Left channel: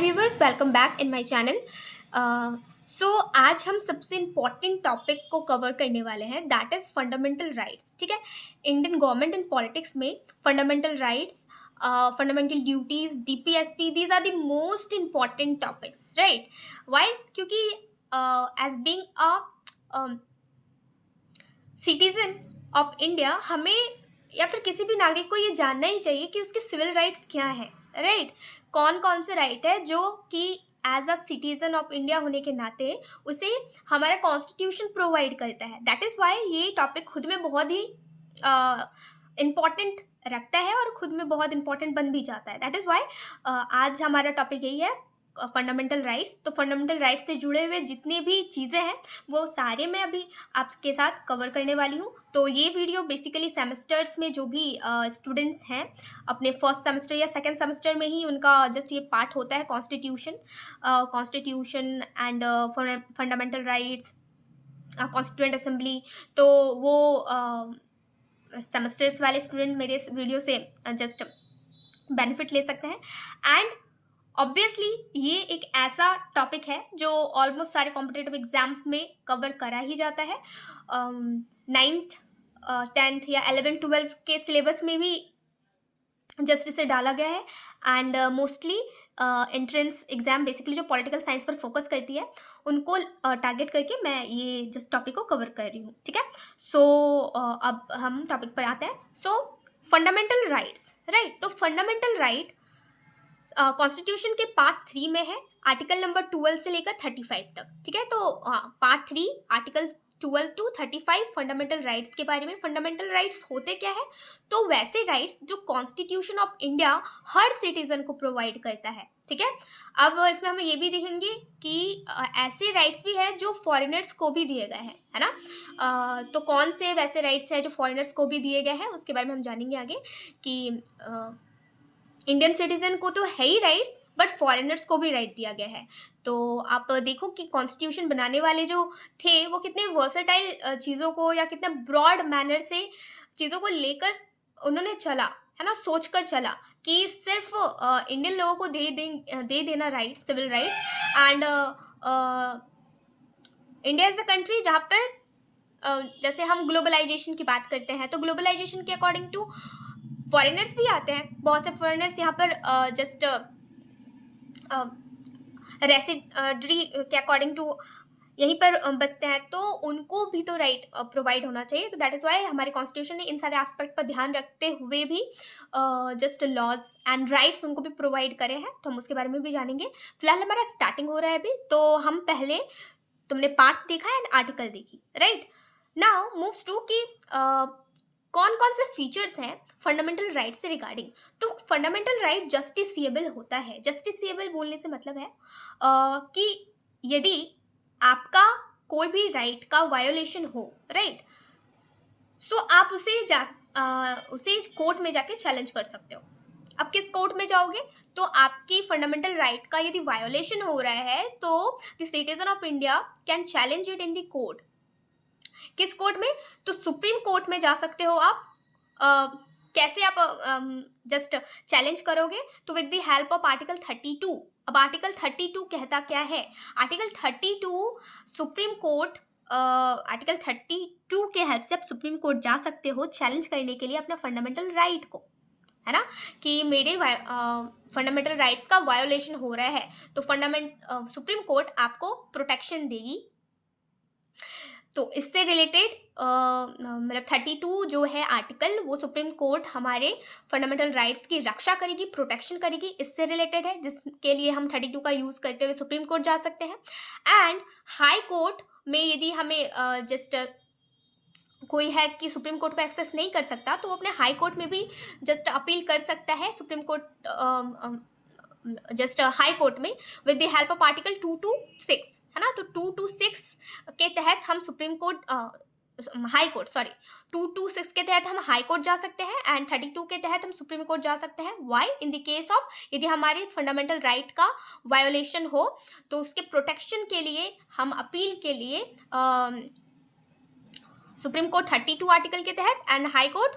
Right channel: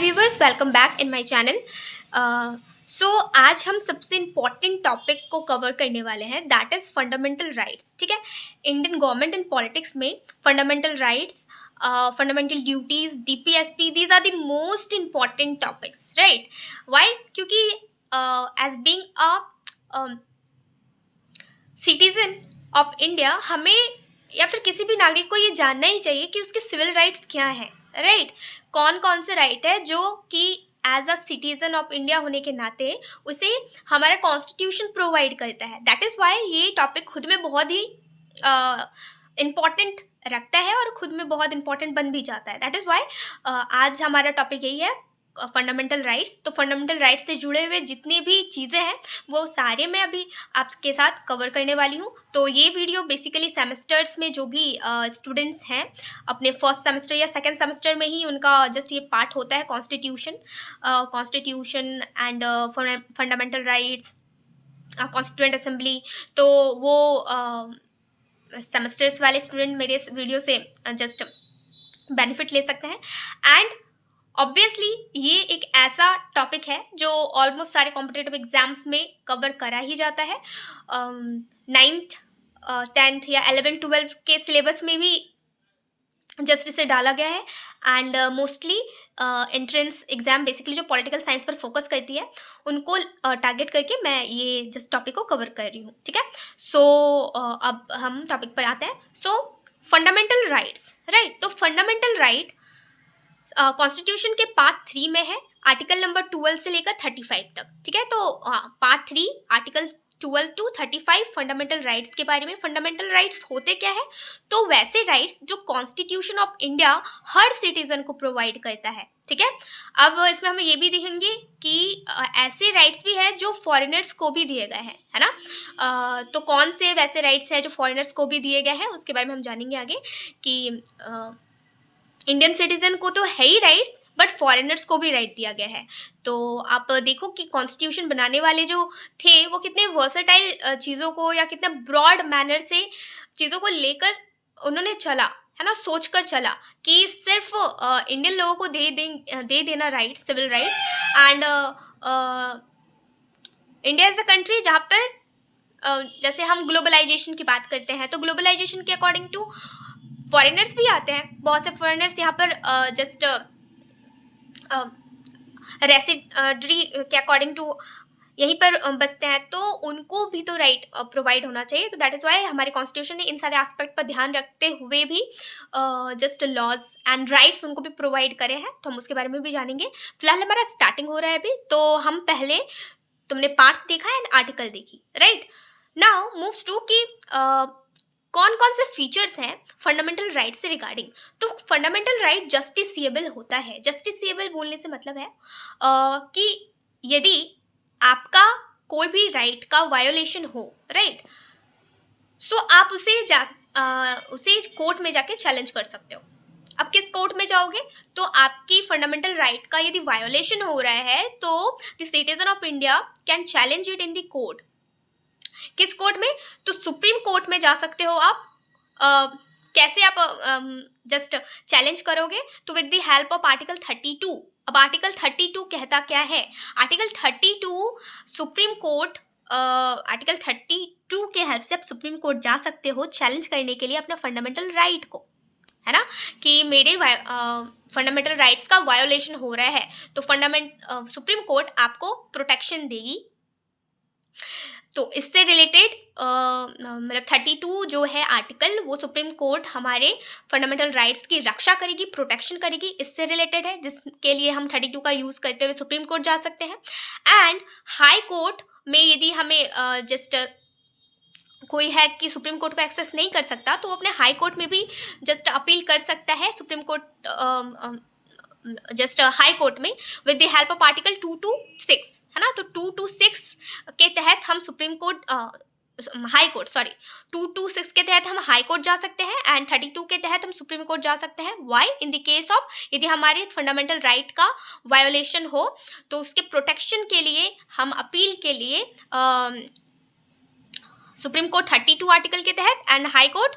Viewers, welcome back in my channel. So आज हम सबसे इम्पॉर्टेंट टॉपिक को कवर करने वाले हैं, दैट इज़ फंडामेंटल राइट्स। ठीक है, इंडियन गवर्नमेंट एंड पॉलिटिक्स में fundamental rights, fundamental duties, DPSP, these are the most important topics, right? Why? क्योंकि as being a citizen of India, हमें या फिर किसी भी नागरिक को ये जानना ही चाहिए कि उसके सिविल राइट्स क्या हैं, राइट? कौन कौन से राइट है जो कि as a citizen of India होने के नाते उसे हमारा कॉन्स्टिट्यूशन प्रोवाइड करता है। दैट इज़ वाई ये टॉपिक खुद में बहुत ही इम्पॉर्टेंट रखता है और खुद में बहुत इंपॉर्टेंट बन भी जाता है। दैट इज़ वाई आज हमारा टॉपिक यही है, फंडामेंटल राइट्स। तो फंडामेंटल राइट्स से जुड़े हुए जितनी भी चीज़ें हैं वो सारे मैं अभी आपके साथ कवर करने वाली हूँ। तो ये वीडियो बेसिकली सेमेस्टर्स में जो भी स्टूडेंट्स हैं अपने फर्स्ट सेमेस्टर या सेकंड सेमेस्टर में ही उनका जस्ट ये पार्ट होता है, constitution and fundamental rights, constituent assembly. तो वो सेमेस्टर्स वाले स्टूडेंट मेरे इस वीडियो से जस्ट बेनिफिट ले सकते हैं। एंड ऑब्वियसली ये एक ऐसा टॉपिक है जो ऑलमोस्ट सारे कॉम्पिटेटिव एग्जाम्स में कवर करा ही जाता है। नाइन्थ, टेंथ या 11th-12th के सिलेबस में भी जस्ट इसे डाला गया है। And mostly entrance exam basically जो पॉलिटिकल साइंस पर फोकस करती है उनको टारगेट करके मैं ये जस्ट टॉपिक को कवर कर रही हूँ। ठीक है, सो अब हम टॉपिक पर आते हैं। सो फंडामेंटल राइट्स, राइट? तो फंडामेंटल राइट कॉन्स्टिट्यूशन के पार्ट 3 में है, आर्टिकल नंबर 12 से लेकर 35 तक। ठीक है, तो part 3 article 12 to 35 fundamental rights के बारे में। फंडामेंटल राइट्स होते क्या है? तो वैसे राइट्स जो constitution of India her citizen को प्रोवाइड करता है। ठीक है, अब इसमें हम ये भी देखेंगे कि ऐसे राइट्स भी हैं जो फॉरेनर्स को भी दिए गए हैं, है ना? तो कौन से वैसे राइट्स हैं जो फॉरेनर्स को भी दिए गए हैं उसके बारे में हम जानेंगे आगे कि इंडियन सिटीजन को तो है ही राइट्स, बट फॉरेनर्स को भी राइट दिया गया है। तो आप देखो कि कॉन्स्टिट्यूशन बनाने वाले जो थे वो कितने वर्सेटाइल चीज़ों को या कितने ब्रॉड मैनर से चीज़ों को लेकर उन्होंने चला, है ना, सोच कर चला कि सिर्फ इंडियन लोगों को दे देना rights, civil rights. And India is a country जहाँ पर जैसे हम ग्लोबलाइजेशन की बात करते हैं तो ग्लोबलाइजेशन के अकॉर्डिंग टू फॉरेनर्स भी आते हैं। बहुत से फॉरेनर्स यहाँ पर जस्ट रेसिडेंट्री के अकॉर्डिंग टू यहीं पर बसते हैं, तो उनको भी तो राइट प्रोवाइड होना चाहिए। तो दैट इज़ वाई हमारे कॉन्स्टिट्यूशन ने इन सारे एस्पेक्ट पर ध्यान रखते हुए भी जस्ट लॉज एंड राइट्स उनको भी प्रोवाइड करे हैं। तो हम उसके बारे में भी जानेंगे। फिलहाल हमारा स्टार्टिंग हो रहा है अभी, तो हम पहले तुमने पार्ट्स देखा एंड आर्टिकल देखी, राइट? नाउ मूव्स टू कि कौन कौन से फीचर्स हैं फंडामेंटल राइट से रिगार्डिंग। तो फंडामेंटल राइट जस्टिसिएबल होता है। जस्टिसिएबल बोलने से मतलब है कि यदि आपका कोई भी राइट का वायोलेशन हो, राइट, सो आप उसे कोर्ट में जाके चैलेंज कर सकते हो। अब किस कोर्ट में जाओगे? तो आपकी फंडामेंटल राइट का यदि वायोलेशन हो रहा है तो the citizen of India can challenge it in the court. किस कोर्ट में? तो सुप्रीम कोर्ट में जा सकते हो आप। कैसे आप जस्ट चैलेंज करोगे? तो with the help of article 32। अब आर्टिकल 32 कहता क्या है? आर्टिकल 32 सुप्रीम कोर्ट, आर्टिकल 32 के हेल्प से आप सुप्रीम कोर्ट जा सकते हो चैलेंज करने के लिए अपना फंडामेंटल राइट को, है ना, कि मेरे फंडामेंटल राइट्स का वायोलेशन हो रहा है। तो सुप्रीम कोर्ट आपको प्रोटेक्शन देगी। तो इससे रिलेटेड मतलब 32 जो है आर्टिकल, वो सुप्रीम कोर्ट हमारे फंडामेंटल राइट्स की रक्षा करेगी, प्रोटेक्शन करेगी, इससे रिलेटेड है, जिसके लिए हम 32 का यूज़ करते हुए सुप्रीम कोर्ट जा सकते हैं। एंड हाई कोर्ट में यदि हमें जस्ट कोई है कि सुप्रीम कोर्ट को एक्सेस नहीं कर सकता तो वो अपने हाई कोर्ट में भी जस्ट अपील कर सकता है supreme court, just high court में with the help of article 2 to 6, है ना। तो 2 to 6 के तहत हम supreme court, high court, sorry, 2 to 6 के तहत हम हाई कोर्ट जा सकते हैं एंड 32 के तहत हम सुप्रीम कोर्ट जा सकते हैं। Why? In the case of यदि हमारे फंडामेंटल राइट का वायोलेशन हो तो उसके प्रोटेक्शन के लिए हम अपील के लिए सुप्रीम कोर्ट 32 आर्टिकल के तहत एंड हाई कोर्ट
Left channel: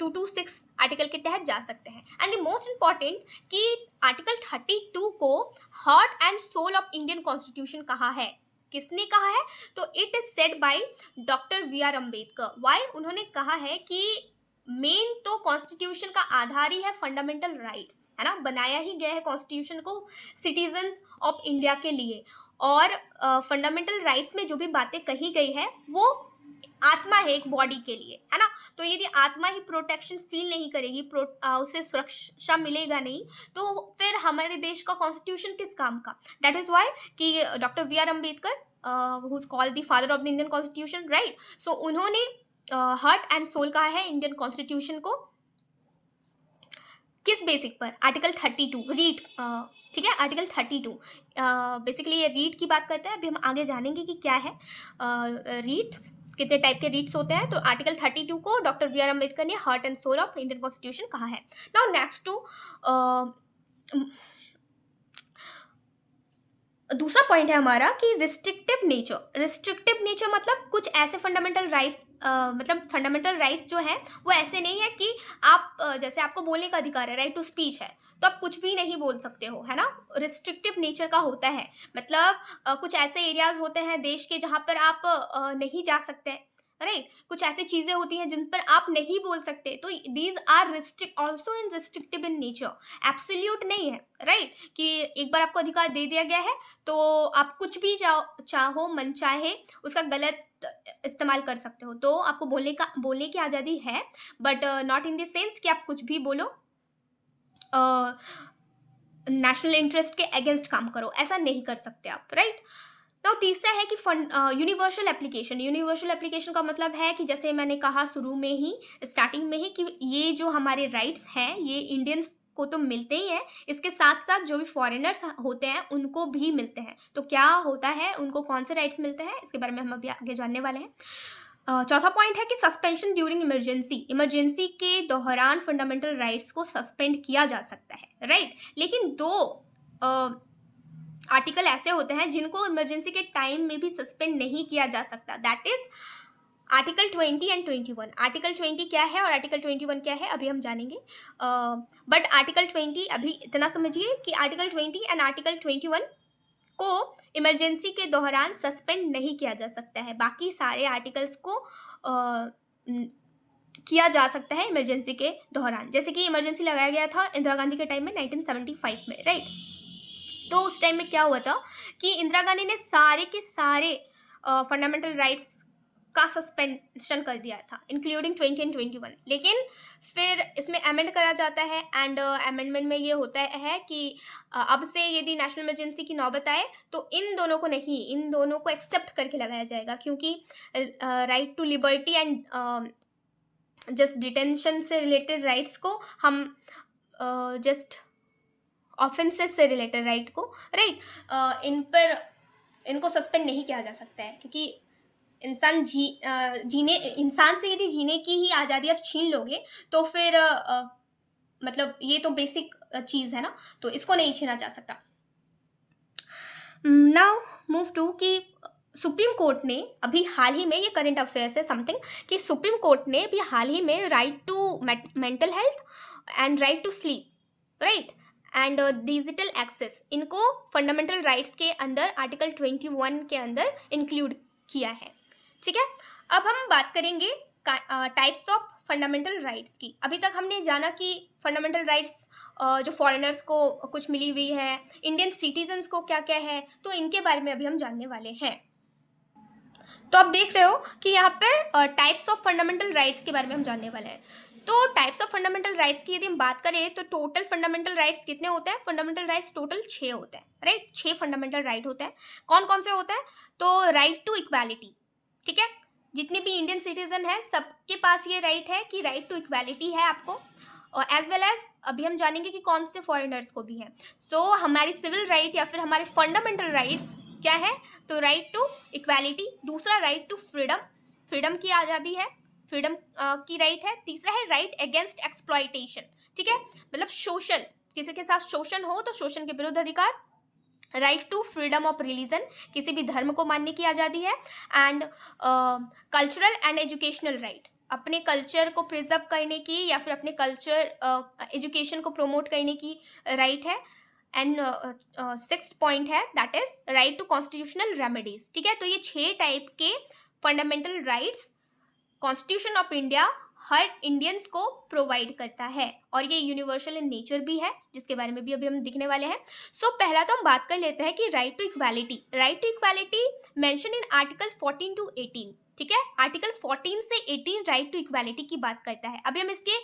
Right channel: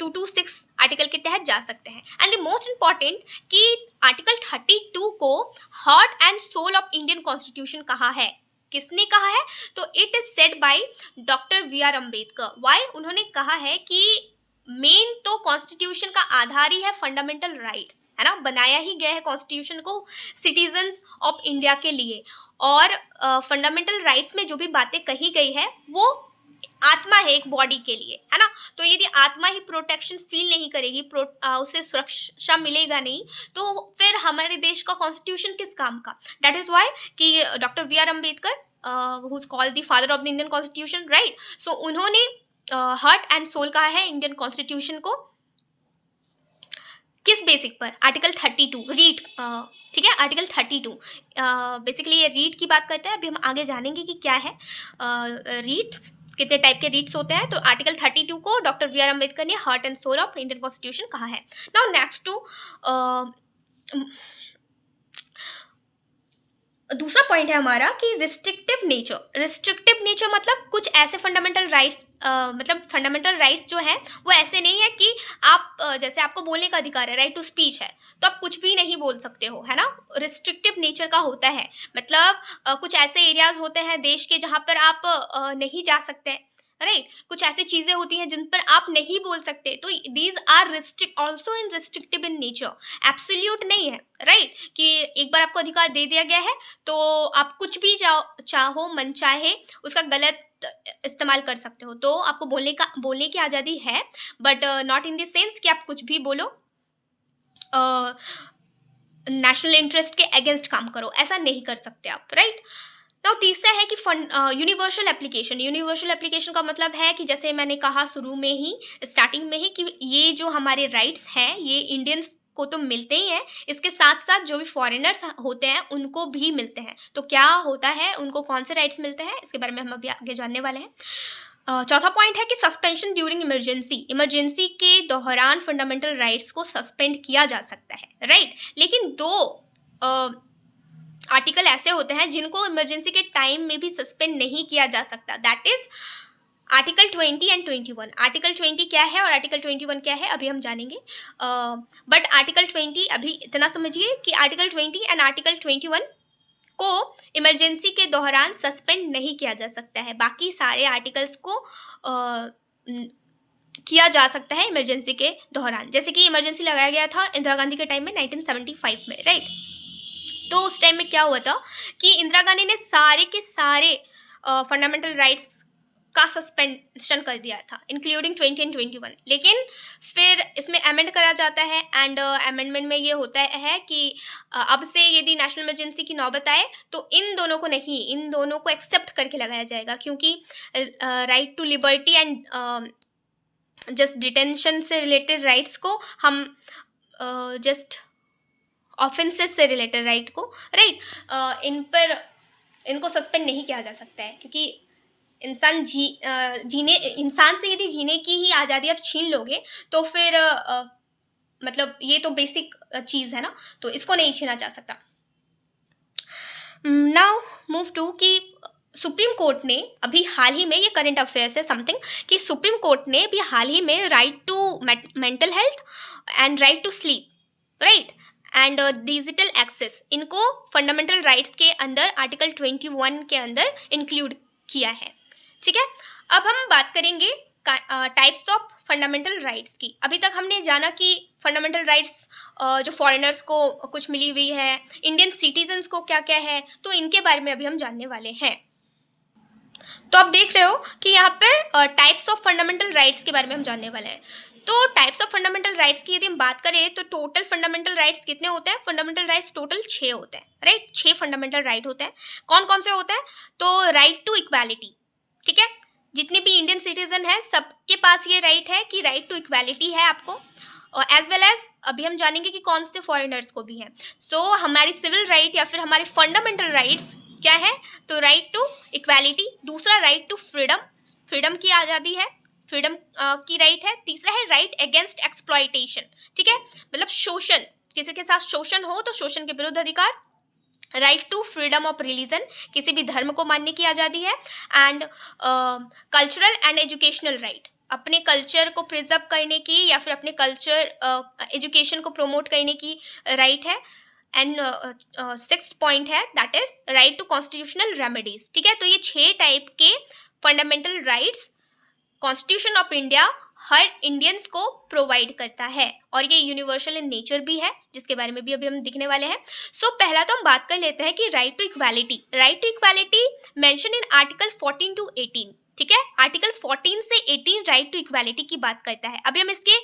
226 आर्टिकल के तहत जा सकते हैं। एंड द मोस्ट इंपॉर्टेंट कि आर्टिकल 32 को heart and soul of Indian constitution कहा है। किसने कहा है? तो it is said by doctor we R Ambedkar. Why? उन्होंने कहा है कि मेन तो कॉन्स्टिट्यूशन का आधार ही है फंडामेंटल राइट्स, है ना। बनाया ही गया है कॉन्स्टिट्यूशन को सिटीजन्स ऑफ इंडिया के लिए, और फंडामेंटल राइट्स में जो भी बातें कही गई है वो आत्मा है एक बॉडी के लिए, है ना। तो यदि आत्मा ही प्रोटेक्शन फील नहीं करेगी, उसे सुरक्षा मिलेगा नहीं, तो फिर हमारे देश का कॉन्स्टिट्यूशन किस काम का। दैट इज वाई कि doctor we R Ambedkar who is called the father of the Indian constitution, right. So उन्होंने हार्ट एंड सोल कहा है इंडियन कॉन्स्टिट्यूशन को। किस बेसिक पर? आर्टिकल 32 रीट, ठीक है, आर्टिकल 32 बेसिकली ये रीट की बात करता है। अभी हम आगे जानेंगे कि क्या है रीट्स, कितने टाइप के रीट्स होते हैं। तो आर्टिकल 32 को डॉक्टर वी आर अम्बेडकर ने heart and soul of Indian constitution कहा है। नाउ नेक्स्ट टू दूसरा पॉइंट है हमारा कि रिस्ट्रिक्टिव नेचर। रिस्ट्रिक्टिव नेचर मतलब कुछ ऐसे फंडामेंटल राइट्स, मतलब फंडामेंटल राइट्स जो है वो ऐसे नहीं है कि आप जैसे आपको बोलने का अधिकार है, राइट टू स्पीच है, तो आप कुछ भी नहीं बोल सकते हो, है ना। रिस्ट्रिक्टिव नेचर का होता है, मतलब कुछ ऐसे एरियाज होते हैं देश के जहाँ पर आप नहीं जा सकते, राइट। कुछ ऐसी चीजें होती हैं जिन पर आप नहीं बोल सकते, तो these are restrict also in restrictive in nature, absolute नहीं है, राइट। कि एक बार आपको अधिकार दे दिया गया है तो आप कुछ भी चाहो मन चाहे उसका गलत इस्तेमाल कर सकते हो। तो आपको बोलने की आज़ादी है, but not in the sense कि आप कुछ भी बोलो, नेशनल इंटरेस्ट के अगेंस्ट काम करो, ऐसा नहीं कर सकते आप, राइट। नाउ तीसरा है कि यूनिवर्सल एप्लीकेशन। यूनिवर्सल एप्लीकेशन का मतलब है कि जैसे मैंने कहा शुरू में ही, स्टार्टिंग में ही, कि ये जो हमारे राइट्स हैं ये इंडियंस को तो मिलते ही हैं, इसके साथ साथ जो भी फॉरेनर्स होते हैं उनको भी मिलते हैं। तो क्या होता है, उनको कौन से राइट्स मिलते हैं, इसके बारे में हम अभी आगे जानने वाले हैं। चौथा पॉइंट है कि सस्पेंशन ड्यूरिंग इमरजेंसी। इमरजेंसी के दौरान फंडामेंटल राइट्स को सस्पेंड किया जा सकता है, राइट। लेकिन दो आर्टिकल ऐसे होते हैं जिनको इमरजेंसी के टाइम में भी सस्पेंड नहीं किया जा सकता, that is article 20 and 21। Article 20 क्या है और आर्टिकल 21 क्या है अभी हम जानेंगे, बट आर्टिकल 20 अभी इतना समझिए कि आर्टिकल 20 एंड आर्टिकल 21 को इमरजेंसी के दौरान सस्पेंड नहीं किया जा सकता है, बाकी सारे आर्टिकल्स को किया जा सकता है इमरजेंसी के दौरान। जैसे कि इमरजेंसी लगाया गया था इंदिरा गांधी के टाइम में 1975 में, राइट। तो उस टाइम में क्या हुआ था कि इंदिरा गांधी ने सारे के सारे फंडामेंटल राइट्स का सस्पेंशन कर दिया था, इंक्लूडिंग 20 एंड 21। लेकिन फिर इसमें अमेंड करा जाता है, एंड अमेंडमेंट में ये होता है कि अब से यदि नेशनल इमरजेंसी की नौबत आए तो इन दोनों को नहीं, इन दोनों को एक्सेप्ट करके लगाया जाएगा, क्योंकि right to liberty and just detention से रिलेटेड राइट्स को हम जस्ट ऑफेंसेस से रिलेटेड राइट को, राइट, इनको सस्पेंड नहीं किया जा सकता है, क्योंकि इंसान से यदि जीने की ही आज़ादी आप छीन लोगे तो फिर मतलब ये तो बेसिक चीज़ है ना, तो इसको नहीं छीना जा सकता। नाउ मूव टू कि सुप्रीम कोर्ट ने अभी हाल ही में, ये करंट अफेयर्स है समथिंग, कि सुप्रीम कोर्ट ने भी हाल ही में right to mental health and right to sleep, right, and digital access, इनको फंडामेंटल राइट्स के अंदर आर्टिकल 21 के अंदर इंक्लूड किया है, ठीक है। अब हम बात करेंगे टाइप्स ऑफ फंडामेंटल राइट्स की। अभी तक हमने जाना कि फंडामेंटल राइट्स जो फॉरेनर्स को कुछ मिली हुई है, इंडियन सिटीजन्स को क्या क्या है, तो इनके बारे में अभी हम जानने वाले हैं। तो आप देख रहे हो कि यहाँ पर टाइप्स ऑफ फंडामेंटल राइट्स के बारे में हम जानने वाले हैं। तो टाइप्स ऑफ फंडामेंटल राइट्स की यदि हम बात करें तो टोटल फंडामेंटल राइट्स कितने होते हैं? फंडामेंटल राइट्स टोटल 6 होते हैं, राइट। 6 फंडामेंटल राइट होते हैं। कौन कौन से होते हैं? तो राइट टू इक्वालिटी, ठीक है, जितने भी इंडियन सिटीजन है सबके पास ये राइट है कि राइट टू इक्वालिटी है आपको, और एज वेल एज अभी हम जानेंगे कि कौन से फॉरेनर्स को भी है। सो हमारी सिविल राइट या फिर हमारे फंडामेंटल राइट्स क्या है? तो राइट टू इक्वालिटी, दूसरा राइट टू फ्रीडम, फ्रीडम की आज़ादी है, फ्रीडम की राइट है। तीसरा है राइट अगेंस्ट एक्सप्लॉयटेशन, ठीक है, मतलब शोषण, किसी के साथ शोषण हो तो शोषण के विरुद्ध अधिकार, right to freedom of religion, किसी भी धर्म को मानने की आज़ादी है। And cultural and educational right, अपने कल्चर को प्रिजर्व करने की या फिर अपने कल्चर एजुकेशन को प्रमोट करने की राइट है। एंड सिक्स्थ पॉइंट है that is right to constitutional remedies. ठीक है, तो ये 6 टाइप के fundamental rights constitution of India हर इंडियंस को प्रोवाइड करता है, और ये यूनिवर्सल इन नेचर भी है, जिसके बारे में भी अभी हम दिखने वाले हैं। सो पहला तो हम बात कर लेते हैं कि right to equality. Right to equality mention in article 14 to 18। ठीक है, आर्टिकल 14 से 18 राइट टू इक्वालिटी की बात करता है। अभी हम इसके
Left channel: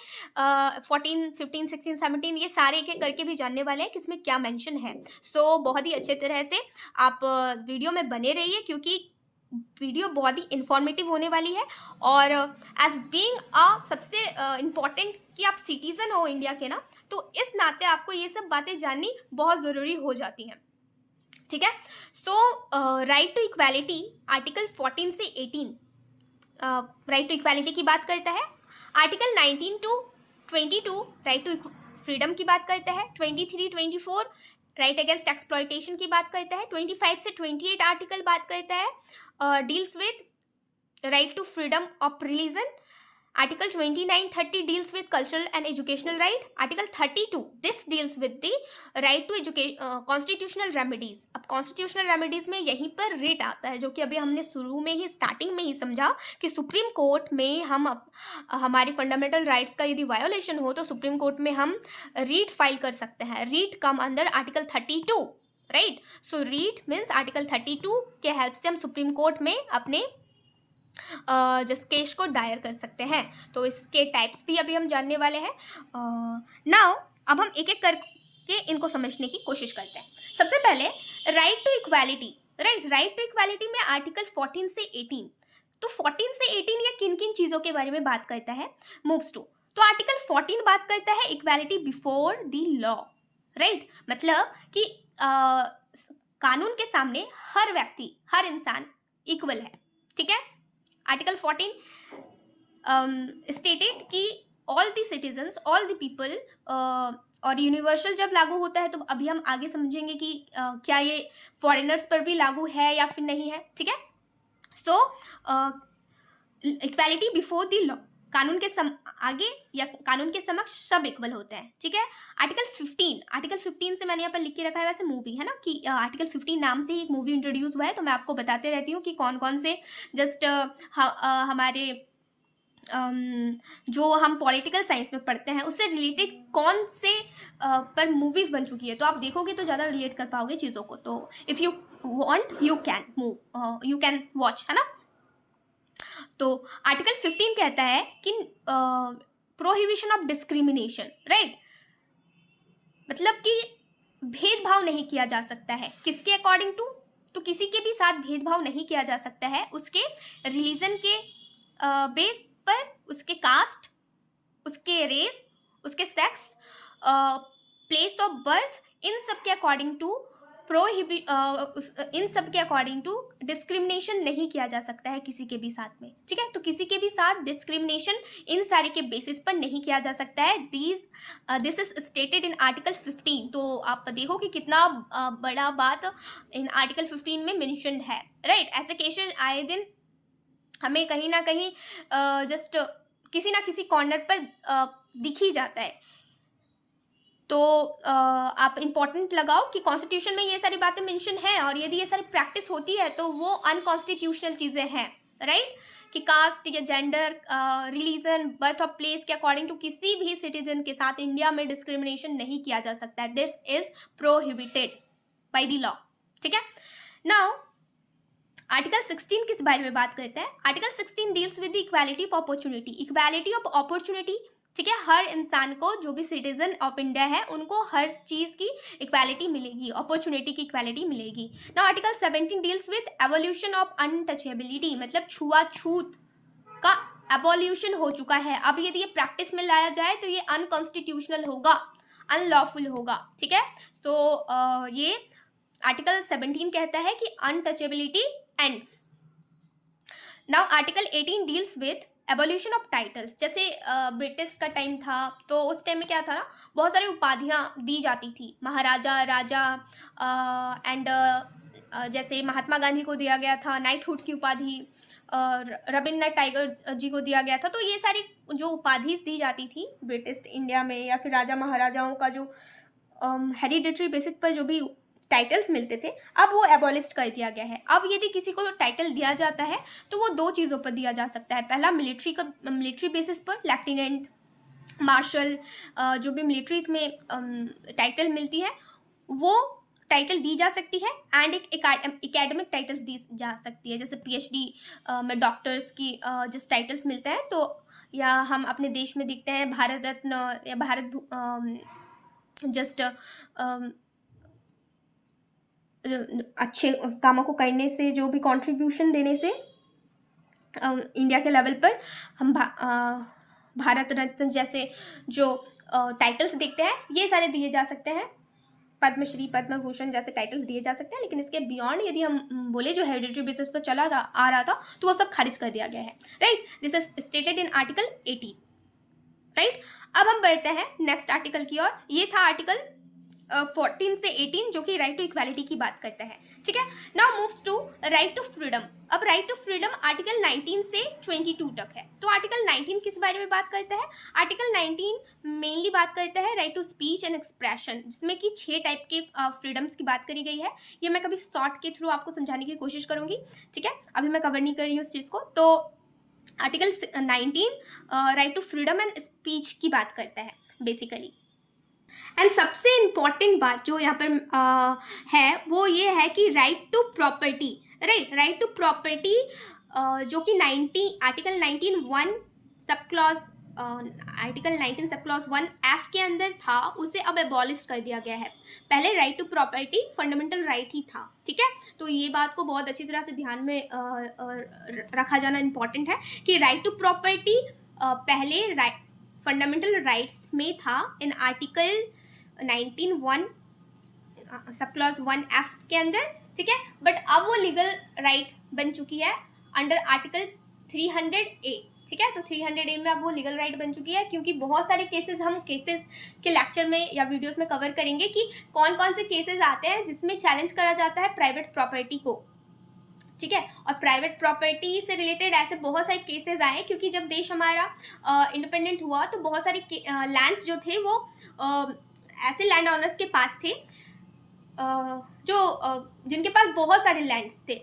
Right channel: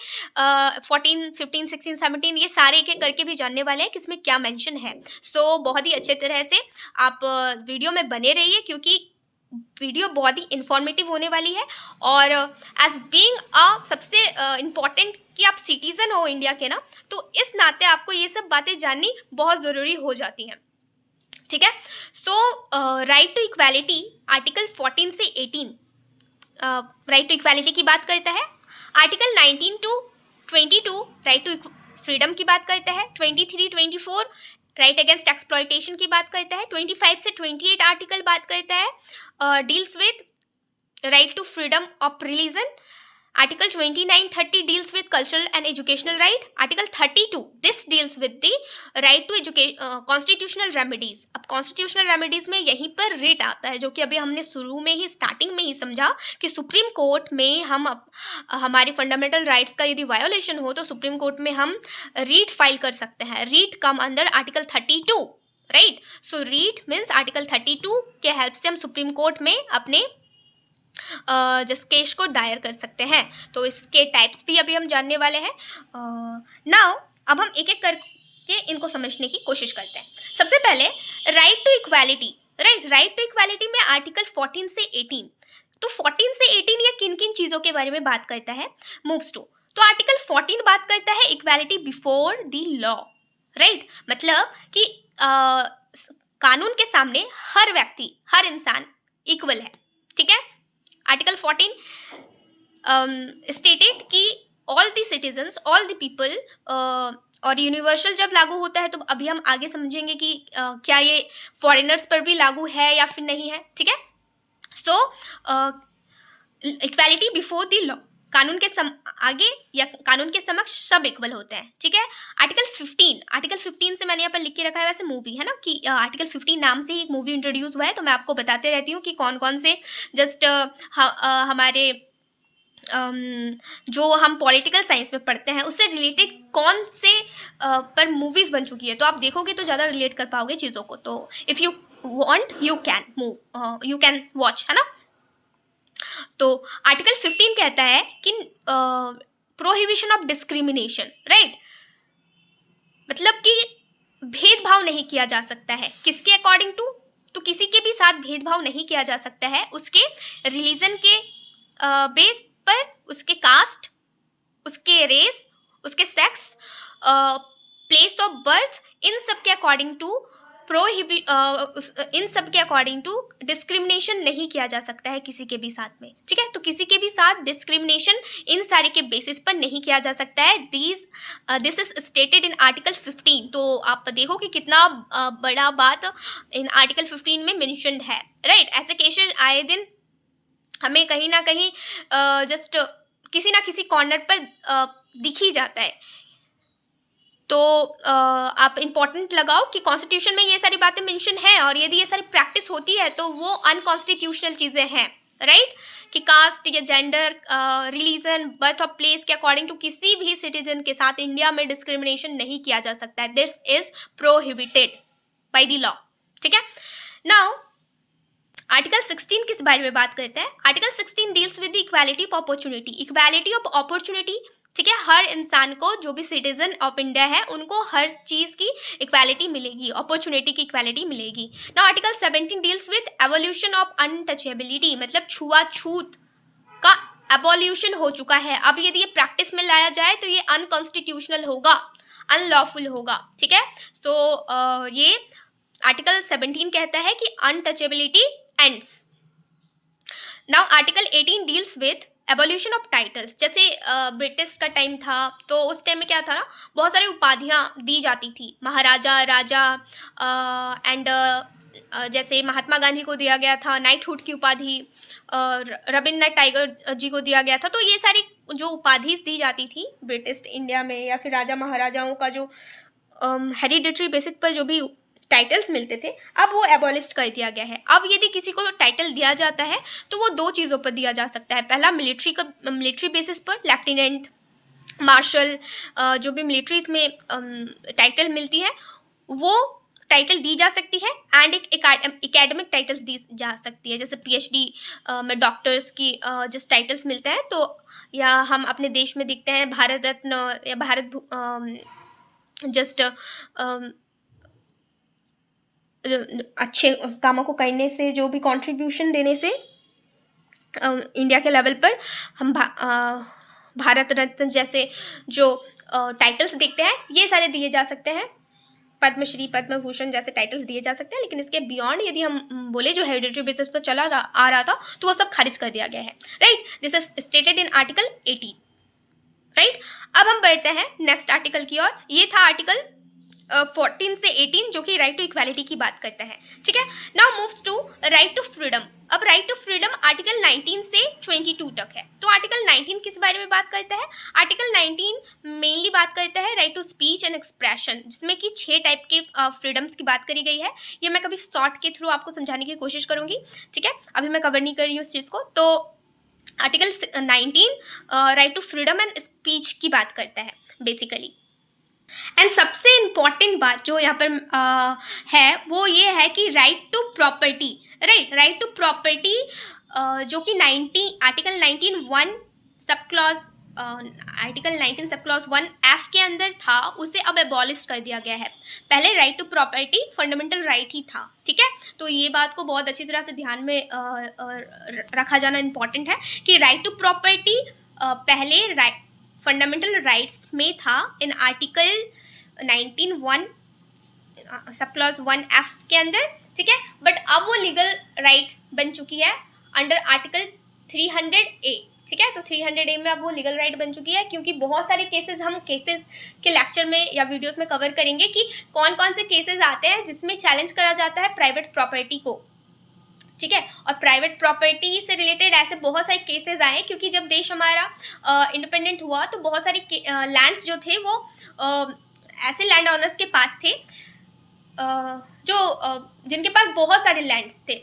14, 15, 16, 17 ये सारे एक एक करके भी जानने वाले हैं कि इसमें क्या मेंशन है। सो बहुत ही अच्छे तरह से आप वीडियो में बने रहिए, क्योंकि वीडियो बहुत ही इंफॉर्मेटिव होने वाली है। और एज बीइंग अ सबसे इम्पॉर्टेंट कि आप सिटीज़न हो इंडिया के ना, तो इस नाते आपको ये सब बातें जाननी बहुत ज़रूरी हो जाती हैं। ठीक है, सो राइट टू इक्वालिटी आर्टिकल 14 से 18 राइट टू इक्वालिटी की बात करता है। Article 19 to 22 right to freedom की बात करता है। 23, 24 राइट अगेंस्ट एक्सप्लॉयटेशन की बात करता है। 25 से 28 आर्टिकल बात करता है deals with right to freedom of religion. Article 29, 30 deals with cultural and educational right. Article 32 this deals with the right to constitutional remedies. अब कॉन्स्टिट्यूशनल रेमेडीज में यहीं पर रेट आता है, जो कि अभी हमने शुरू में ही स्टार्टिंग में ही समझा कि सुप्रीम कोर्ट में हम हमारी फंडामेंटल राइट्स का यदि वायोलेशन हो तो सुप्रीम कोर्ट में हम रीट फाइल कर सकते हैं। Writ come under article 32 right. So writ means article 32 के हेल्प से हम सुप्रीम कोर्ट में अपने जिस केस को दायर कर सकते हैं। तो इसके टाइप्स भी अभी हम जानने वाले हैं। नाउ अब हम एक एक करके इनको समझने की कोशिश करते हैं। सबसे पहले right to equality. Right to equality में आर्टिकल 14 से 18, तो 14 से 18 ये किन किन चीज़ों के बारे में बात करता है। मूव्स टू, तो आर्टिकल 14 बात करता है equality before the law. Right, मतलब कि कानून के सामने हर व्यक्ति, हर इंसान इक्वल है। ठीक है, आर्टिकल 14 स्टेटेड कि all the citizens, all the people, और यूनिवर्सल जब लागू होता है तो अभी हम आगे समझेंगे कि क्या ये फॉरेनर्स पर भी लागू है या फिर नहीं है। ठीक है, सो इक्वालिटी बिफोर द लॉ, कानून के आगे या कानून के समक्ष सब इक्वल होते हैं। ठीक है, आर्टिकल 15 से मैंने यहाँ पर लिख के रखा है, वैसे मूवी है ना कि आर्टिकल 15 नाम से ही एक मूवी इंट्रोड्यूस हुआ है, तो मैं आपको बताते रहती हूँ कि कौन कौन से जस्ट हमारे जो हम पॉलिटिकल साइंस में पढ़ते हैं उससे रिलेटेड कौन से पर मूवीज़ बन चुकी है, तो आप देखोगे तो ज़्यादा रिलेट कर पाओगे चीज़ों को। तो if you want you can watch, है ना। तो आर्टिकल 15 कहता है कि प्रोहिबिशन ऑफ डिस्क्रिमिनेशन। राइट, मतलब कि भेदभाव नहीं किया जा सकता है। किसके अकॉर्डिंग टू, तो किसी के भी साथ भेदभाव नहीं किया जा सकता है उसके रिलीजन के बेस पर, उसके कास्ट, उसके रेस, उसके सेक्स, प्लेस ऑफ बर्थ, इन सब के अकॉर्डिंग टू इन सब के अकॉर्डिंग टू डिस्क्रिमिनेशन नहीं किया जा सकता है किसी के भी साथ में। ठीक है, तो किसी के भी साथ डिस्क्रिमिनेशन इन सारे के बेसिस पर नहीं किया जा सकता है। This is stated in article 15। तो आप देखो कि कितना बड़ा बात इन आर्टिकल 15 में मेंशन्ड है। राइट, ऐसे केसेस आए दिन हमें कहीं ना कहीं जस्ट किसी ना किसी कॉर्नर पर दिख ही जाता है। तो आप इम्पॉर्टेंट लगाओ कि कॉन्स्टिट्यूशन में ये सारी बातें मेंशन है, और यदि ये सारी प्रैक्टिस होती है तो वो अनकॉन्स्टिट्यूशनल चीज़ें हैं। राइट, कि कास्ट या gender, religion, birth of place के अकॉर्डिंग टू किसी भी सिटीजन के साथ इंडिया में डिस्क्रिमिनेशन नहीं किया जा सकता है। This is prohibited by the law. ठीक है, नाउ आर्टिकल 16 किस बारे में बात करता है। Article 16 deals with the equality of opportunity. Equality of opportunity, ठीक है, हर इंसान को, जो भी सिटीजन ऑफ इंडिया है उनको हर चीज़ की इक्वालिटी मिलेगी, अपॉर्चुनिटी की इक्वालिटी मिलेगी। Now article 17 deals with evolution of untouchability, मतलब छुआछूत का एबोल्यूशन हो चुका है। अब यदि ये प्रैक्टिस में लाया जाए तो ये अनकॉन्स्टिट्यूशनल होगा, अनलॉफुल होगा। ठीक है, सो ये आर्टिकल 17 कहता है कि untouchability ends. Now article 18 deals with evolution of titles, जैसे ब्रिटिश का टाइम था तो उस टाइम में क्या था ना, बहुत सारी उपाधियाँ दी जाती थी, महाराजा, राजा, एंड जैसे महात्मा गांधी को दिया गया था नाइटहुड की उपाधि, रविन्द्रनाथ टैगोर जी को दिया गया था। तो ये सारी जो उपाधि दी जाती थी ब्रिटिश इंडिया में, या फिर राजा महाराजाओं का जो हेरिडिटरी बेसिस पर जो भी टाइटल्स मिलते थे, अब वो एबॉलिश कर दिया गया है। अब यदि किसी को टाइटल दिया जाता है तो वो दो चीज़ों पर दिया जा सकता है। पहला मिलिट्री बेसिस पर, लेफ्टिनेंट, मार्शल, जो भी मिलिट्रीज में टाइटल मिलती है वो टाइटल दी जा सकती है, एंड एक एकेडमिक टाइटल्स दी जा सकती है, जैसे पीएचडी में डॉक्टर्स की जस्ट टाइटल्स मिलते हैं। तो या हम अपने देश में देखते हैं भारत रत्न या जस्ट अच्छे कामों को करने से, जो भी कंट्रीब्यूशन देने से इंडिया के लेवल पर हम भारत रत्न जैसे जो टाइटल्स देखते हैं ये सारे दिए जा सकते हैं, पद्मश्री, पद्म भूषण जैसे टाइटल्स दिए जा सकते हैं। लेकिन इसके बियॉन्ड यदि हम बोले जो हेरिडिटरी बेसिस पर आ रहा था तो वो सब खारिज कर दिया गया है, right. This is stated in article 18, right. अब हम बढ़ते हैं नेक्स्ट आर्टिकल की ओर। ये था आर्टिकल 14 से 18 जो कि राइट टू इक्वालिटी की बात करता है, ठीक है। Now moves to right to freedom. अब राइट टू फ्रीडम आर्टिकल 19 से 22 तक है। तो आर्टिकल 19 किस बारे में बात करता है? आर्टिकल 19 मेनली बात करता है right to speech and expression, जिसमें कि 6 टाइप के फ्रीडम्स की बात करी गई है। ये मैं कभी शॉर्ट के थ्रू आपको समझाने की कोशिश करूंगी, ठीक है। अभी मैं कवर नहीं कर रही हूँ इस चीज़ को। तो article 19 right to freedom and speech की बात करता है बेसिकली। एंड सबसे इम्पॉर्टेंट बात जो यहाँ पर है वो ये है कि right to property, right to property जो कि article 19(1) sub clause article 19 sub clause 1(f) के अंदर था, उसे अब एबॉलिश कर दिया गया है। पहले right to property fundamental right ही था, ठीक है। तो ये बात को बहुत अच्छी तरह से ध्यान में रखा जाना इम्पॉर्टेंट है कि राइट टू प्रॉपर्टी पहले फंडामेंटल राइट्स में था in article 19(1) sub clause 1(f) के अंदर, ठीक है। बट अब वो लीगल राइट बन चुकी है अंडर आर्टिकल 300A, ठीक है। तो 300A में अब वो लीगल राइट बन चुकी है, क्योंकि बहुत सारे केसेस हम केसेस के लेक्चर में या वीडियोस में कवर करेंगे कि कौन कौन से केसेस आते हैं जिसमें चैलेंज करा जाता है प्राइवेट प्रॉपर्टी को, ठीक है। और प्राइवेट प्रॉपर्टी से रिलेटेड ऐसे बहुत सारे केसेस आए, क्योंकि जब देश हमारा इंडिपेंडेंट हुआ तो बहुत सारे लैंड्स जो थे वो ऐसे लैंड ओनर्स के पास थे जो जिनके पास बहुत सारे लैंड्स थे,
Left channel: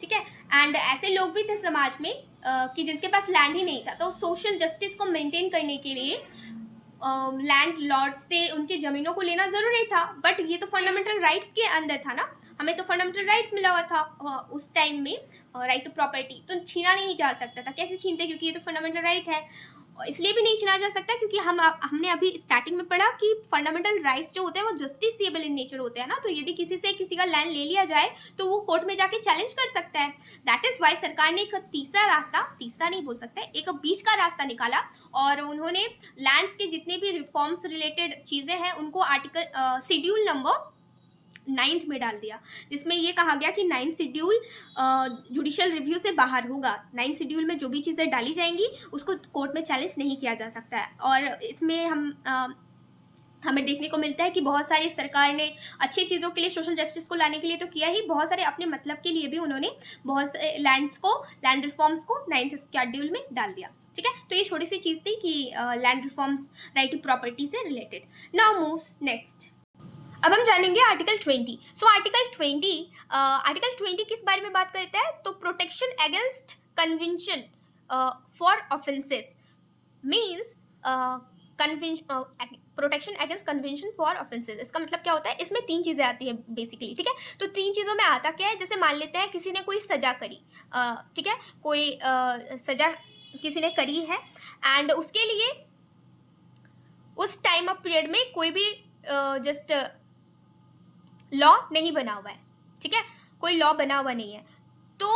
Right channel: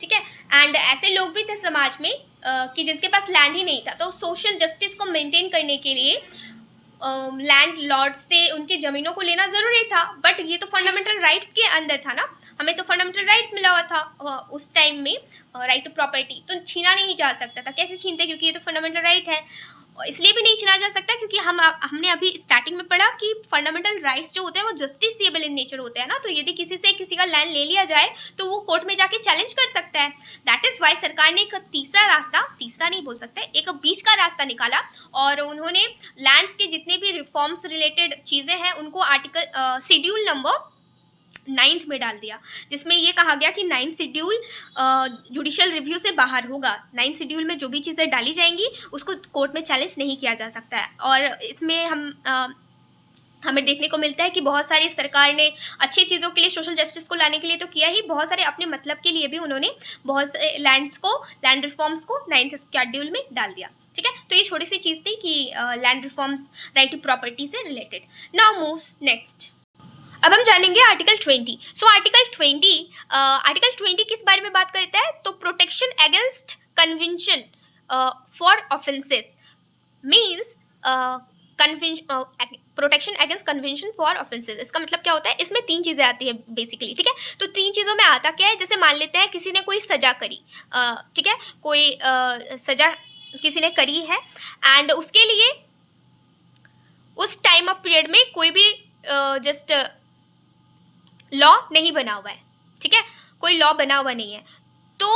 ठीक है। एंड ऐसे लोग भी थे समाज में कि जिनके पास लैंड ही नहीं था। तो सोशल जस्टिस को मेंटेन करने के लिए लैंड लॉर्ड से उनकी ज़मीनों को लेना ज़रूरी था, बट ये तो फंडामेंटल राइट्स के अंदर था ना, हमें तो फंडामेंटल राइट्स मिला हुआ था उस टाइम में, राइट टू प्रॉपर्टी तो छीना नहीं जा सकता था। कैसे छीनते? क्योंकि ये तो फंडामेंटल राइट है। इसलिए भी नहीं छीना जा सकता क्योंकि हमने अभी स्टार्टिंग में पढ़ा कि फंडामेंटल राइट्स जो होते हैं वो जस्टिसेबल इन नेचर होते हैं ना। तो यदि किसी का लैंड ले लिया जाए तो वो कोर्ट में जाके चैलेंज कर सकता है। दैट इज वाई सरकार ने एक तीसरा नहीं बोल सकते, एक बीच का रास्ता निकाला और उन्होंने लैंड्स के जितने भी रिफॉर्म्स रिलेटेड चीज़ें हैं उनको आर्टिकल शेड्यूल नंबर 9th में डाल दिया, जिसमें ये कहा गया कि 9th शेड्यूल जुडिशियल रिव्यू से बाहर होगा। 9th शेड्यूल में जो भी चीज़ें डाली जाएंगी उसको कोर्ट में चैलेंज नहीं किया जा सकता है। और इसमें हमें देखने को मिलता है कि बहुत सारी सरकार ने अच्छी चीज़ों के लिए, सोशल जस्टिस को लाने के लिए तो किया ही, बहुत सारे अपने मतलब के लिए भी उन्होंने बहुत से लैंड रिफॉर्म्स को 9th शेड्यूल में डाल दिया, ठीक है। तो ये छोटी सी चीज़ थी कि land reforms right to property से रिलेटेड। Now moves next. अब हम जानेंगे आर्टिकल 20। सो आर्टिकल 20 किस बारे में बात करता है? तो protection against convention for offences means protection against convention for offences. इसका मतलब क्या होता है? इसमें 3 चीज़ें आती है बेसिकली, ठीक है। तो 3 चीज़ों में आता क्या है? जैसे मान लेते हैं किसी ने कोई सजा करी, ठीक है, कोई सजा किसी ने करी है एंड उसके लिए उस टाइम ऑफ पीरियड में कोई भी जस्ट लॉ नहीं बना हुआ है, ठीक है, कोई लॉ बना हुआ नहीं है। तो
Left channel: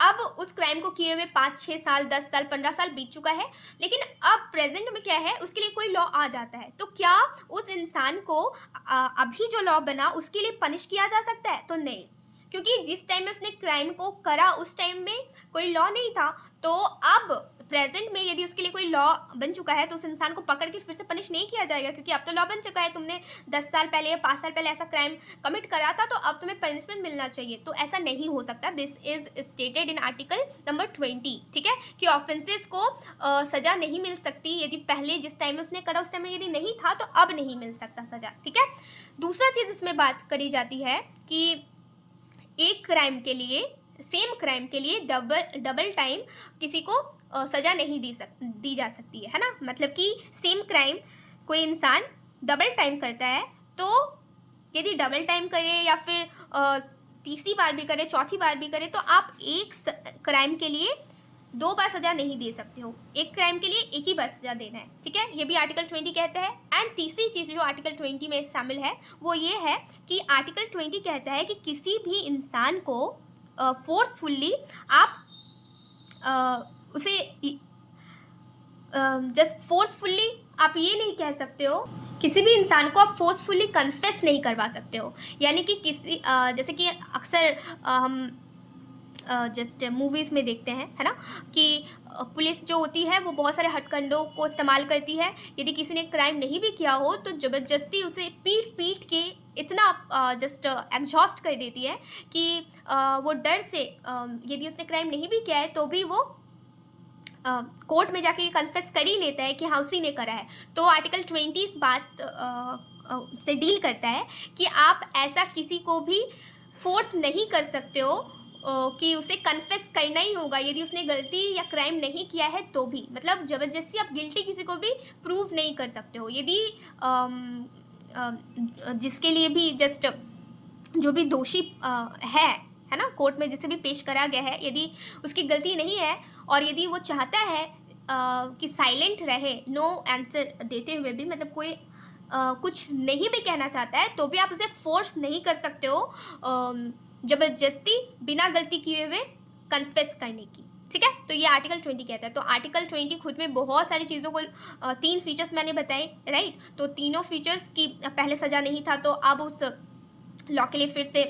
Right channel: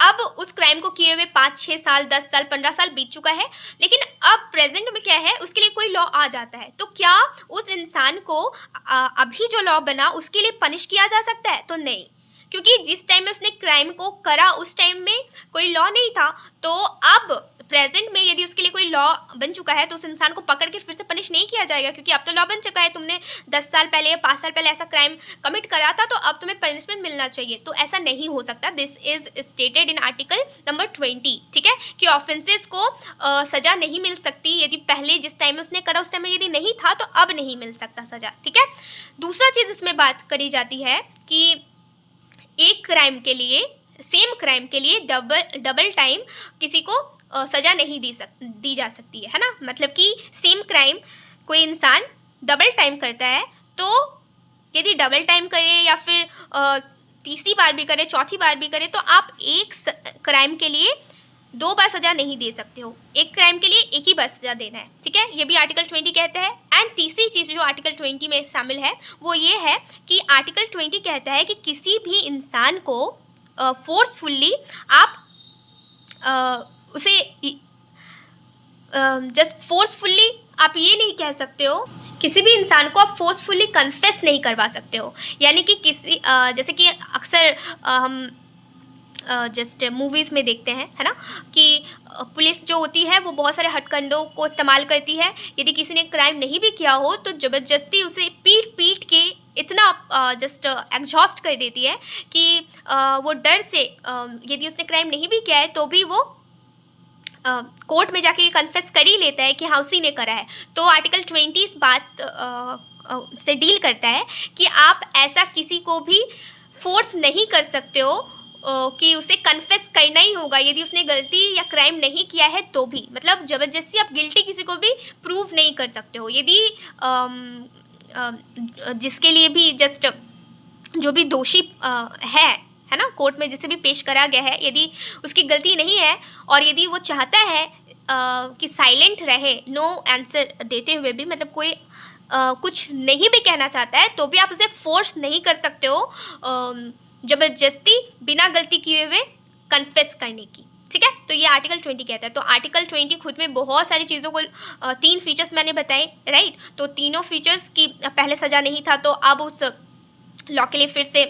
अब उस क्राइम को किए हुए 5, 6 साल, 10 साल, 15 साल बीत चुका है, लेकिन अब प्रेजेंट में क्या है, उसके लिए कोई लॉ आ जाता है। तो क्या उस इंसान को अभी जो लॉ बना उसके लिए पनिश किया जा सकता है? तो नहीं, क्योंकि जिस टाइम में उसने क्राइम को करा उस टाइम में कोई लॉ नहीं था, तो अब प्रेजेंट में यदि उसके लिए कोई लॉ बन चुका है तो उस इंसान को पकड़ के फिर से पनिश नहीं किया जाएगा, क्योंकि अब तो लॉ बन चुका है, तुमने 10 साल पहले या 5 साल पहले ऐसा क्राइम कमिट करा था तो अब तुम्हें पनिशमेंट मिलना चाहिए। तो ऐसा नहीं हो सकता। This is stated in article number 20, ठीक है, कि ऑफेंसेस को सजा नहीं मिल सकती यदि पहले जिस टाइम में उसने करा उस टाइम में यदि नहीं था तो अब नहीं मिल सकता सजा, ठीक है। दूसरा चीज़ इसमें बात करी जाती है कि एक क्राइम के लिए, सेम क्राइम के लिए डबल टाइम किसी को सज़ा नहीं दी जा सकती है ना। मतलब कि सेम क्राइम कोई इंसान डबल टाइम करता है तो यदि डबल टाइम करे या फिर तीसरी बार भी करे, चौथी बार भी करे, तो आप एक क्राइम के लिए 2 बार सज़ा नहीं दे सकते हो। एक क्राइम के लिए एक ही बार सज़ा देना है, ठीक है। ये भी आर्टिकल 20 कहता है। एंड तीसरी चीज़ जो आर्टिकल 20 में शामिल है वो ये है कि आर्टिकल 20 कहता है कि किसी भी इंसान को फोर्सफुल्ली आप उसे जस्ट फोर्सफुल्ली आप ये नहीं कह सकते हो, किसी भी इंसान को आप फोर्सफुल्ली कन्फेस नहीं करवा सकते हो। यानी कि किसी जैसे कि अक्सर हम जस्ट मूवीज़ में देखते हैं, है ना, कि पुलिस जो होती है वो बहुत सारे हथकंडों को इस्तेमाल करती है। यदि किसी ने क्राइम नहीं भी किया हो तो ज़बरदस्ती उसे पीट के इतना जस्ट एग्जॉस्ट कर देती है कि वो डर से यदि उसने क्राइम नहीं भी किया है तो भी वो कोर्ट में जाके कन्फेस कर ही लेता है कि हाँ उसी ने करा है। तो आर्टिकल 20 इस बात से डील करता है कि आप ऐसा किसी को भी फोर्स नहीं कर सकते हो कि उसे कन्फेस करना ही होगा यदि उसने गलती या क्राइम नहीं किया है तो भी। मतलब ज़बरदस्ती आप गिल्टी किसी को भी प्रूव नहीं कर सकते हो। यदि जिसके लिए भी जस्ट जो भी दोषी है ना, कोर्ट में जिसे भी पेश करा गया है, यदि उसकी गलती नहीं है और यदि वो चाहता है कि साइलेंट रहे, नो आंसर देते हुए भी, मतलब कोई कुछ नहीं भी कहना चाहता है तो भी आप उसे फोर्स नहीं कर सकते हो ज़बरदस्ती बिना गलती किए हुए कन्फेस करने की, ठीक है। तो ये आर्टिकल 20 कहता है। तो आर्टिकल 20 खुद में बहुत सारी चीज़ों को 3 फीचर्स मैंने बताए, राइट। तो तीनों फीचर्स की पहले सज़ा नहीं था तो अब उस लॉ के लिए फिर से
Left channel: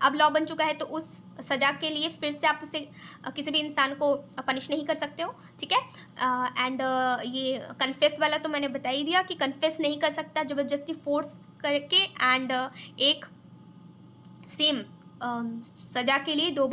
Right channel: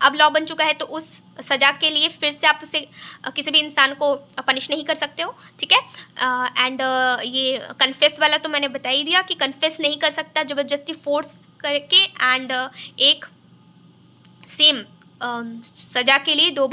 अब लॉ बन चुका है तो उस सज़ा के लिए फिर से आप उसे किसी भी इंसान को पनिश नहीं कर सकते हो, ठीक है। एंड ये कन्फेस वाला तो मैंने बता ही दिया कि कन्फेस नहीं कर सकता ज़बरदस्ती फोर्स करके। एंड एक सेम सज़ा के लिए 2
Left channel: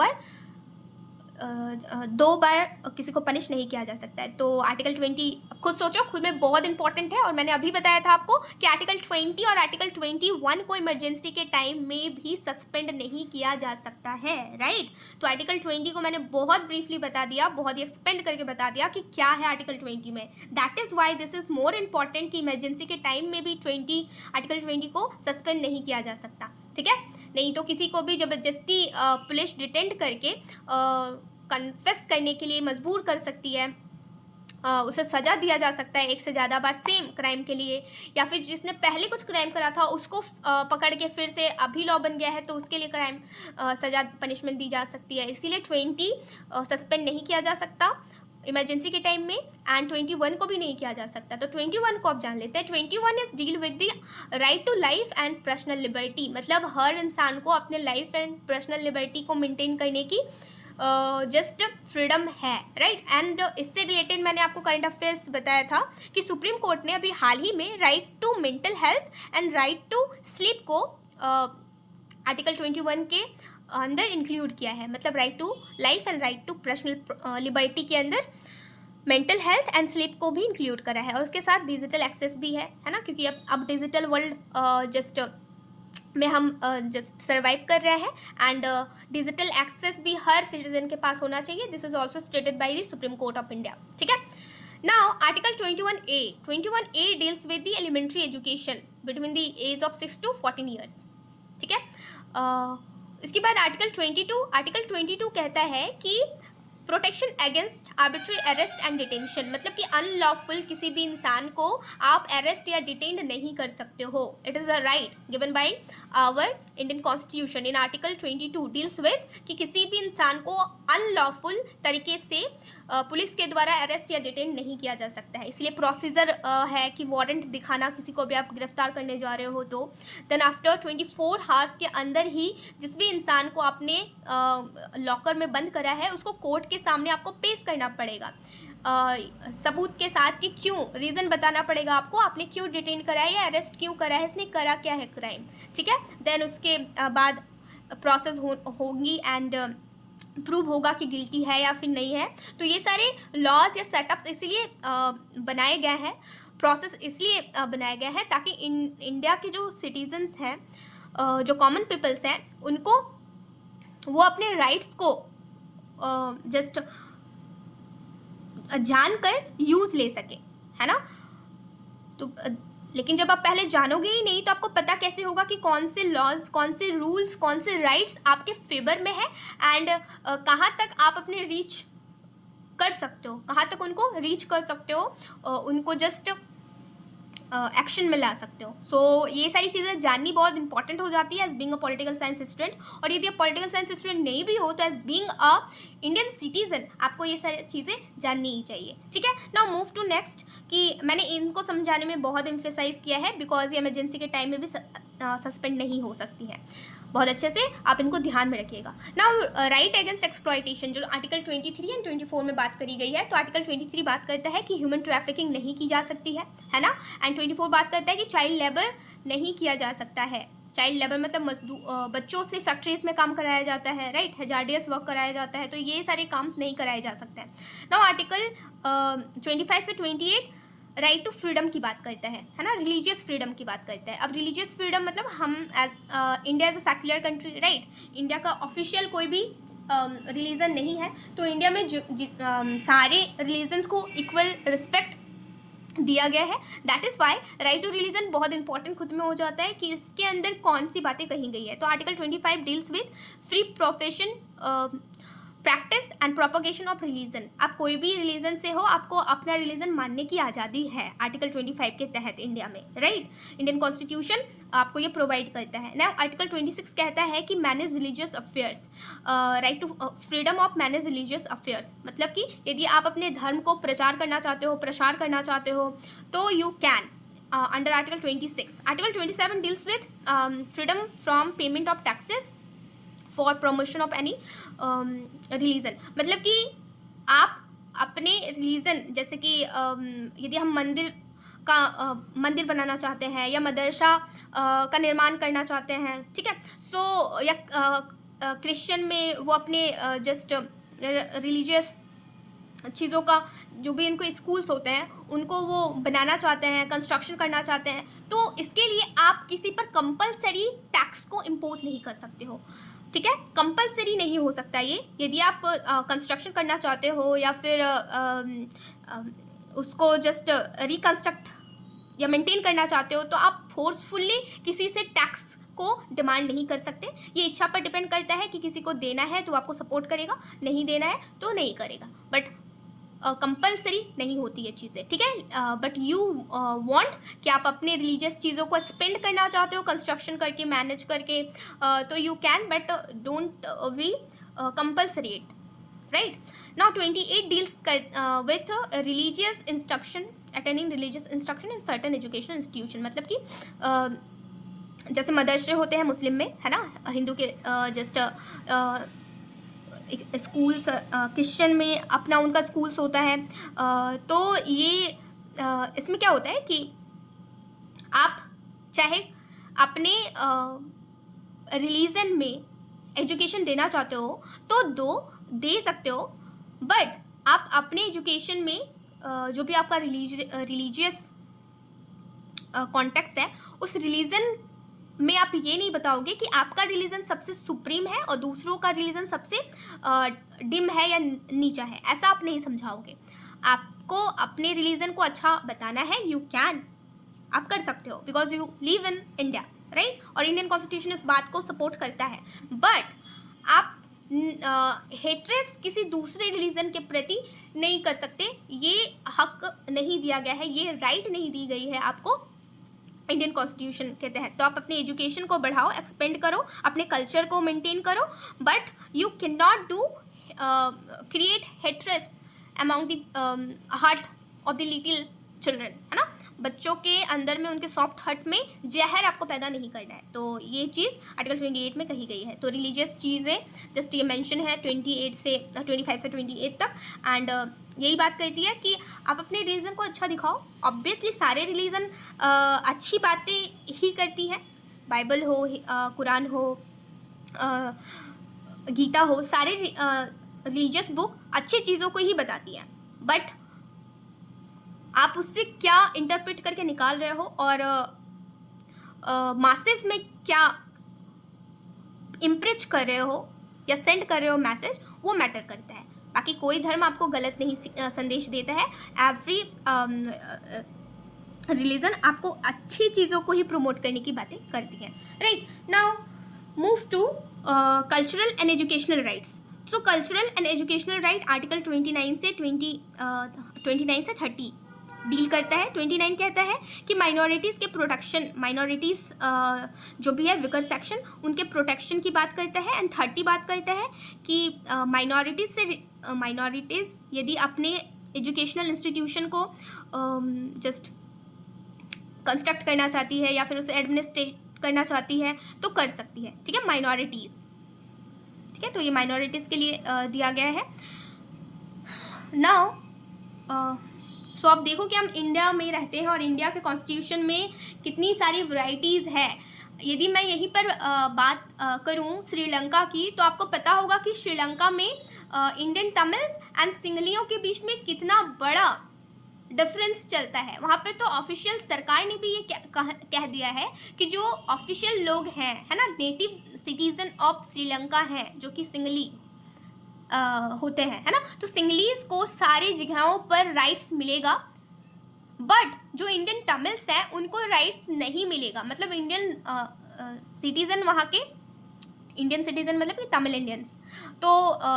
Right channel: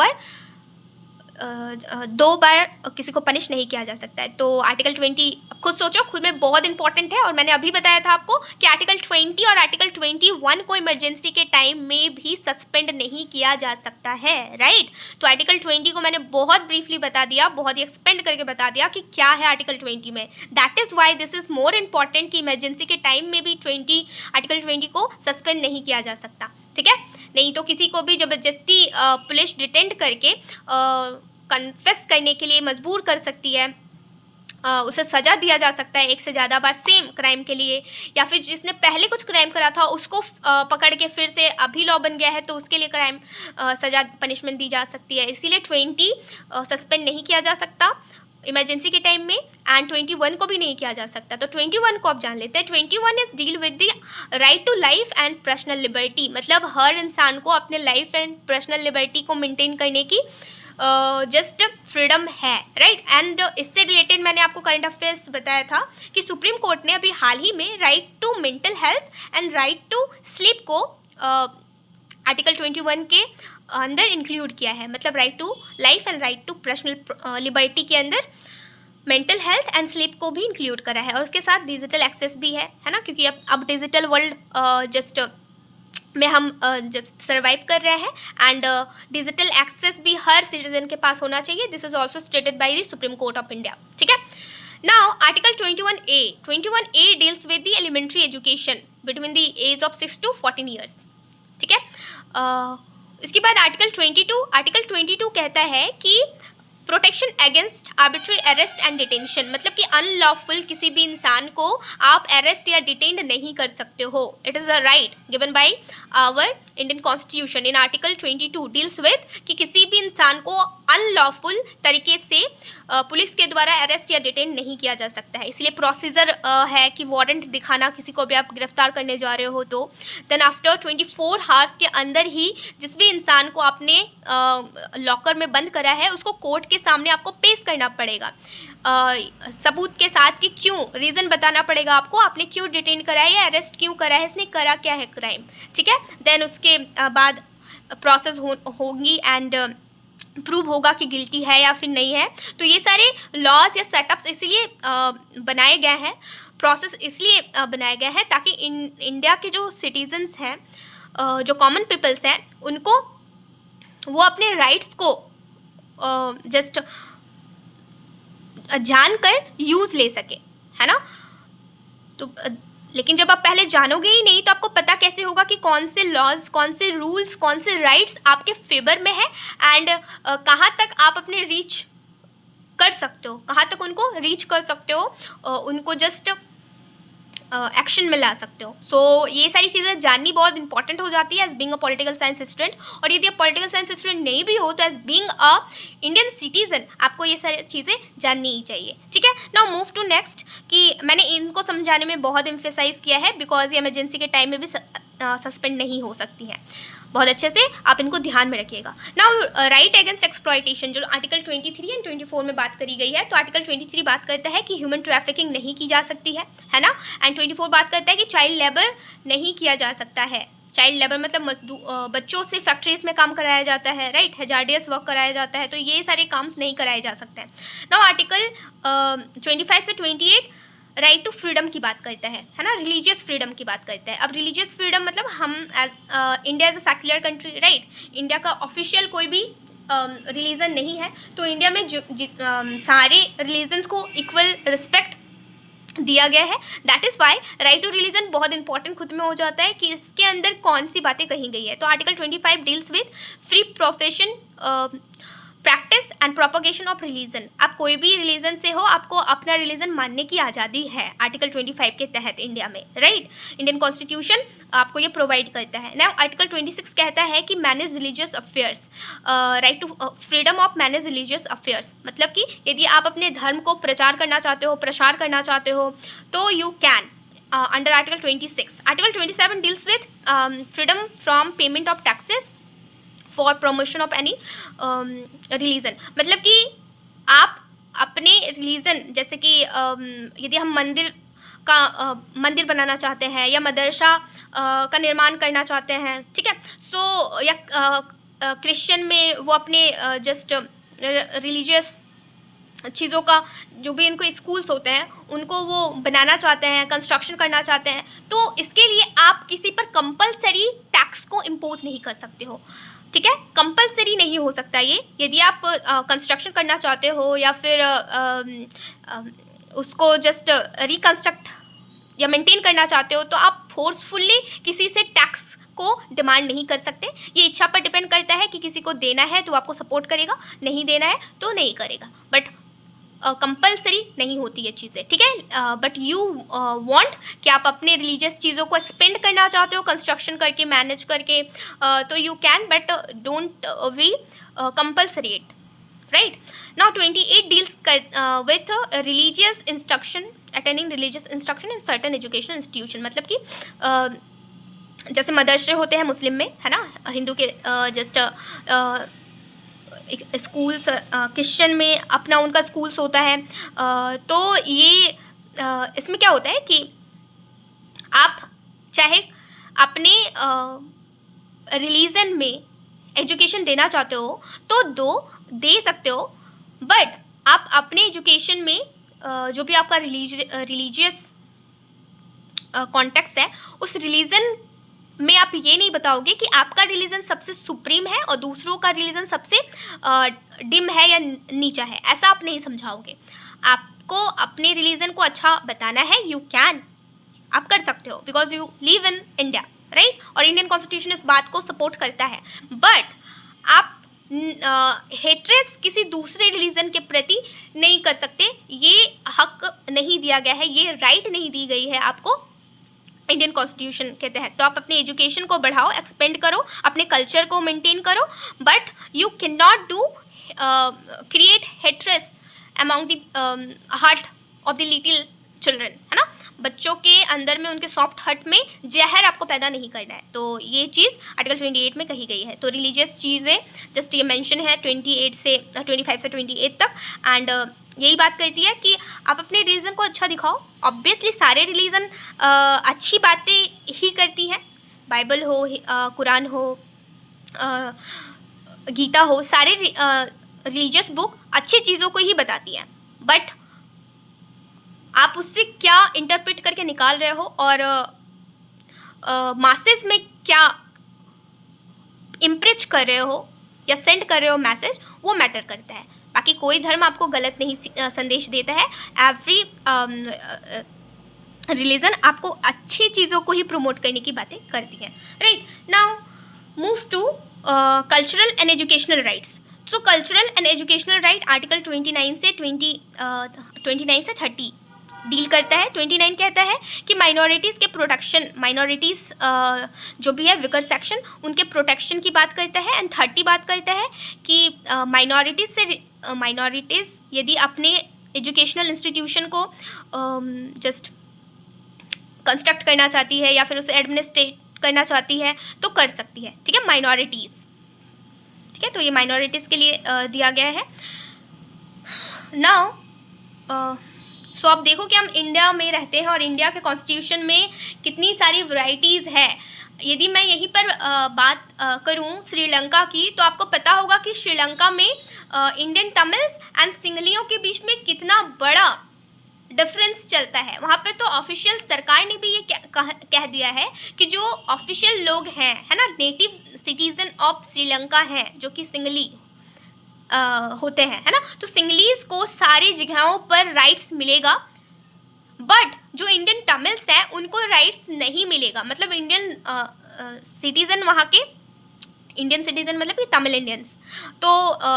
बार किसी को पनिश नहीं किया जा सकता है। तो आर्टिकल 20 खुद सोचो, खुद में बहुत इंपॉर्टेंट है। और मैंने अभी बताया था आपको कि आर्टिकल 20 और आर्टिकल 21 को इमरजेंसी के टाइम में भी सस्पेंड नहीं किया जा सकता है, राइट। तो आर्टिकल 20 को मैंने बहुत ब्रीफली बता दिया, बहुत ही एक्सपेंड करके बता दिया कि क्या है आर्टिकल 20 में। That is why this is more important कि इमरजेंसी के टाइम में भी आर्टिकल 20 को सस्पेंड नहीं किया जा सकता, ठीक है। नहीं तो किसी को भी ज़बरदस्ती पुलिस डिटेंड करके कन्फेस करने के लिए मजबूर कर सकती है, उसे सज़ा दिया जा सकता है 1 से ज़्यादा बार सेम क्राइम के लिए। या फिर जिसने पहले कुछ क्राइम करा था उसको पकड़ के फिर से अभी लॉ बन गया है तो उसके लिए क्राइम सज़ा पनिशमेंट दी जा सकती है। इसीलिए 20 सस्पेंड नहीं किया जा सकता इमरजेंसी के टाइम में, एंड 21 को भी नहीं किया जा सकता। तो 21 को आप जान लेते हैं। 21 is deal with the right to life and personal liberty. मतलब हर इंसान को अपने लाइफ एंड पर्सनल लिबर्टी को मेंटेन करने की जस्ट फ्रीडम है, राइट। एंड इससे रिलेटेड मैंने आपको करंट अफेयर्स बताया था कि सुप्रीम कोर्ट ने अभी हाल ही में right to mental health and right to sleep को आर्टिकल 21 के अंदर इंक्लूड किया है। मतलब right to life and right to personal liberty के अंदर मेंटल हेल्थ एंड स्लीप को भी इंक्लूड करा है। और उसके साथ डिजिटल एक्सेस भी है ना, क्योंकि अब डिजिटल वर्ल्ड जस्ट में हम जस्ट सर्वाइव कर रहे हैं। एंड डिजिटल एक्सेस भी हर सिटीजन के पास होना चाहिए। This is also stated by the supreme court of India, ठीक है। Now article 21A deals with the elementary education between the age of 6 to 14 years, ठीक है। इसके बाद आर्टिकल 22 कहता है कि protection against arbitrary arrest and detention. मतलब कि अनलॉफुल किसी भी इंसान को आप अरेस्ट या डिटेंड नहीं कर सकते हो। It is a right given by our Indian constitution. In article 22 deals with कि किसी भी इंसान को अनलॉफुल तरीके से पुलिस के द्वारा अरेस्ट या डिटेन नहीं किया जा सकता है। इसलिए प्रोसीजर है कि वारंट दिखाना किसी को भी आप गिरफ्तार करने जा रहे हो तो देन आफ्टर 24 हावर्स के अंदर ही जिस भी इंसान को आपने लॉकर में बंद करा है उसको कोर्ट के सामने आपको पेश करना पड़ेगा सबूत के साथ कि क्यों, रीज़न बताना पड़ेगा आपको, आपने क्यों डिटेन करा है या अरेस्ट क्यों करा है, इसने करा क्या है क्राइम। ठीक है, देन उसके बाद प्रोसेस होगी एंड प्रूव होगा कि गिल्टी है या फिर नहीं है। तो ये सारे लॉज या सेटअप्स इसलिए बनाए गए हैं, प्रोसेस इसलिए बनाया गया है ताकि इंडिया के जो सिटीजन्स हैं, जो कॉमन पीपल्स हैं, उनको वो अपने राइट्स को जस्ट जानकर यूज़ ले सके, है ना। तो लेकिन जब आप पहले जानोगे ही नहीं तो आपको पता कैसे होगा कि कौन से लॉज, कौन से रूल्स, कौन से राइट्स आपके फेवर में है एंड कहाँ तक आप अपने रीच कर सकते हो, कहाँ तक उनको रीच कर सकते हो, उनको जस्ट एक्शन में ला सकते हो। सो ये सारी चीज़ें जाननी बहुत इंपॉर्टेंट हो जाती है as being a political science student. और यदि आप पॉलिटिकल साइंस स्टूडेंट नहीं भी हो तो as being a Indian citizen आपको ये सारी चीज़ें जाननी ही चाहिए। ठीक है, नाउ मूव टू नेक्स्ट कि मैंने इनको समझाने में बहुत एम्फेसाइज किया है बिकॉज ये इमरजेंसी के टाइम में भी सस्पेंड नहीं हो सकती हैं। बहुत अच्छे से आप इनको ध्यान में रखिएगा। नाउ राइट अगेंस्ट एक्सप्लॉयटेशन जो आर्टिकल 23 एंड 24 में बात करी गई है, तो आर्टिकल 23 बात करता है कि ह्यूमन ट्रैफिकिंग नहीं की जा सकती है ना, एंड 24 बात करता है कि चाइल्ड लेबर नहीं किया जा सकता है। चाइल्ड लेबर मतलब बच्चों से फैक्ट्रीज में काम कराया जाता है, राइट, हैजार्डियस वर्क कराया जाता है, तो ये सारे काम्स नहीं कराए जा सकते हैं। नाउ आर्टिकल 25 से 28 राइट टू फ्रीडम की बात करता है ना, रिलीजियस फ्रीडम की बात करता है। अब रिलीजियस फ्रीडम मतलब हम as India as a secular country, right, India का ऑफिशियल कोई भी रिलीजन नहीं है, तो इंडिया में सारे रिलीजन्स को इक्वल रिस्पेक्ट दिया गया है। That is why right to religion बहुत इंपॉर्टेंट खुद में हो जाता है कि इसके अंदर कौन सी बातें कही गई है। तो article 25 deals with free profession, practice and propagation of religion. आप कोई भी रिलीजन से हो, आपको अपना रिलीजन मानने की आज़ादी है आर्टिकल 25 के तहत इंडिया में, राइट। इंडियन कॉन्स्टिट्यूशन आपको ये प्रोवाइड करता है ना। आर्टिकल 26 कहता है कि manage religious affairs, right to freedom of manage religious affairs, मतलब कि यदि आप अपने धर्म को प्रचार करना चाहते हो, प्रसार करना चाहते हो, तो you can under article 26। Article 27 deals with freedom from payment of taxes for promotion of any religion, मतलब कि आप अपने रिलीजन, जैसे कि यदि हम मंदिर बनाना चाहते हैं या मदरसा का निर्माण करना चाहते हैं, ठीक है, सो या क्रिश्चियन में वो अपने जस्ट रिलीजियस चीज़ों का जो भी इनको स्कूल्स होते हैं उनको वो बनाना चाहते हैं, कंस्ट्रक्शन करना चाहते हैं, तो इसके लिए आप किसी पर कंपलसरी टैक्स को इम्पोज नहीं कर सकते हो। ठीक है, कंपलसरी नहीं हो सकता ये। यदि आप कंस्ट्रक्शन करना चाहते हो या फिर उसको जस्ट रिकंस्ट्रक्ट या मेंटेन करना चाहते हो, तो आप फोर्सफुली किसी से टैक्स को डिमांड नहीं कर सकते। ये इच्छा पर डिपेंड करता है कि किसी को देना है तो आपको सपोर्ट करेगा, नहीं देना है तो नहीं करेगा, बट कंपलसरी नहीं होती ये चीज़ें। ठीक है, बट यू वांट कि आप अपने रिलीजियस चीज़ों को एक्सपेंड करना चाहते हो कंस्ट्रक्शन करके, मैनेज करके, तो you can, but don't we compulsory it, right. Now 28 deals with religious instruction, attending religious instruction in certain education institution, मतलब कि जैसे मदरसे होते हैं मुस्लिम में, है ना, हिंदू के जस्ट स्कूल्स, क्रिश्चियन में अपना उनका स्कूल्स होता है। तो ये इसमें क्या होता है कि आप चाहे अपने रिलीजन में एजुकेशन देना चाहते हो तो दे सकते हो, बट आप अपने एजुकेशन में जो भी आपका रिलीजियस कॉन्टेक्स्ट है उस रिलीजन में आप ये नहीं बताओगे कि आपका रिलीजन सबसे सुप्रीम है और दूसरों का रिलीजन सबसे डिम है या नीचा है, ऐसा आप नहीं समझाओगे। आपको अपने रिलीजन को अच्छा बताना है, यू कैन, आप कर सकते हो because you live in India, right, और इंडियन कॉन्स्टिट्यूशन इस बात को सपोर्ट करता है। बट आप हेट्रेस किसी दूसरे रिलीजन के प्रति नहीं कर सकते, ये हक नहीं दिया गया है, ये राइट नहीं दी गई है आपको इंडियन कॉन्स्टिट्यूशन के तहत। तो आप अपने एजुकेशन को बढ़ाओ, एक्सपेंड करो, अपने कल्चर को मेंटेन करो, but you can not do create hatreds among the heart of the little children, है ना, बच्चों के अंदर में, उनके सॉफ्ट हार्ट में जहर आपको पैदा नहीं करना है। तो ये चीज़ आर्टिकल 28 में कही गई है। तो रिलीजियस चीज़ें जस्ट ये मेंशन है 25 से 28 तक, एंड यही बात कहती है कि आप अपने रिलीजन को अच्छा दिखाओ। ऑब्वियसली सारे रिलीजन अच्छी बातें ही करती हैं, बाइबल हो, कुरान हो, गीता हो, सारे रिलीजियस बुक अच्छी चीज़ों को ही बताती हैं, बट आप उससे क्या इंटरप्रेट करके निकाल रहे हो और मासेस में क्या इम्प्रेस कर रहे हो या सेंड कर रहे हो मैसेज, वो मैटर करता है। बाकी कोई धर्म आपको गलत नहीं संदेश देता है। एवरी रिलीजन आपको अच्छी चीज़ों को ही प्रमोट करने की बातें करती है, right. Now move to cultural and educational rights. So cultural and educational right article 29 से 30 डील करता है। 29 कहता है कि माइनॉरिटीज़ के प्रोटेक्शन, माइनॉरिटीज़ जो भी है विकर सेक्शन, उनके प्रोटेक्शन की बात करता है। एंड 30 बात करता है कि माइनॉरिटीज़ यदि अपने एजुकेशनल इंस्टीट्यूशन को जस्ट कंस्ट्रक्ट करना चाहती है या फिर उसे एडमिनिस्ट्रेट करना चाहती है तो कर सकती है, ठीक है, माइनॉरिटीज़, ठीक है। तो ये माइनॉरिटीज़ के लिए दिया गया है। नाउ सो आप देखो कि हम इंडिया में रहते हैं और इंडिया के कॉन्स्टिट्यूशन में कितनी सारी वैरायटीज़ है। यदि मैं यहीं पर बात करूं श्रीलंका की, तो आपको पता होगा कि श्रीलंका में इंडियन तमिल्स एंड सिंगलियों के बीच में कितना बड़ा डिफरेंस चलता है। वहाँ पे तो ऑफिशियल सरकार ने भी ये कह दिया है कि जो ऑफिशियल लोग हैं, है ना, नेटिव सिटीजन ऑफ श्रीलंका हैं, जो कि सिंगली होते हैं, है ना, तो सिंगलीज को सारी जगहों पर राइट्स मिलेगा, बट जो इंडियन तमिल्स हैं उनको राइट्स नहीं मिलेगा। मतलब इंडियन सिटीजन, वहाँ के इंडियन सिटीजन मतलब कि तमिल इंडियंस, तो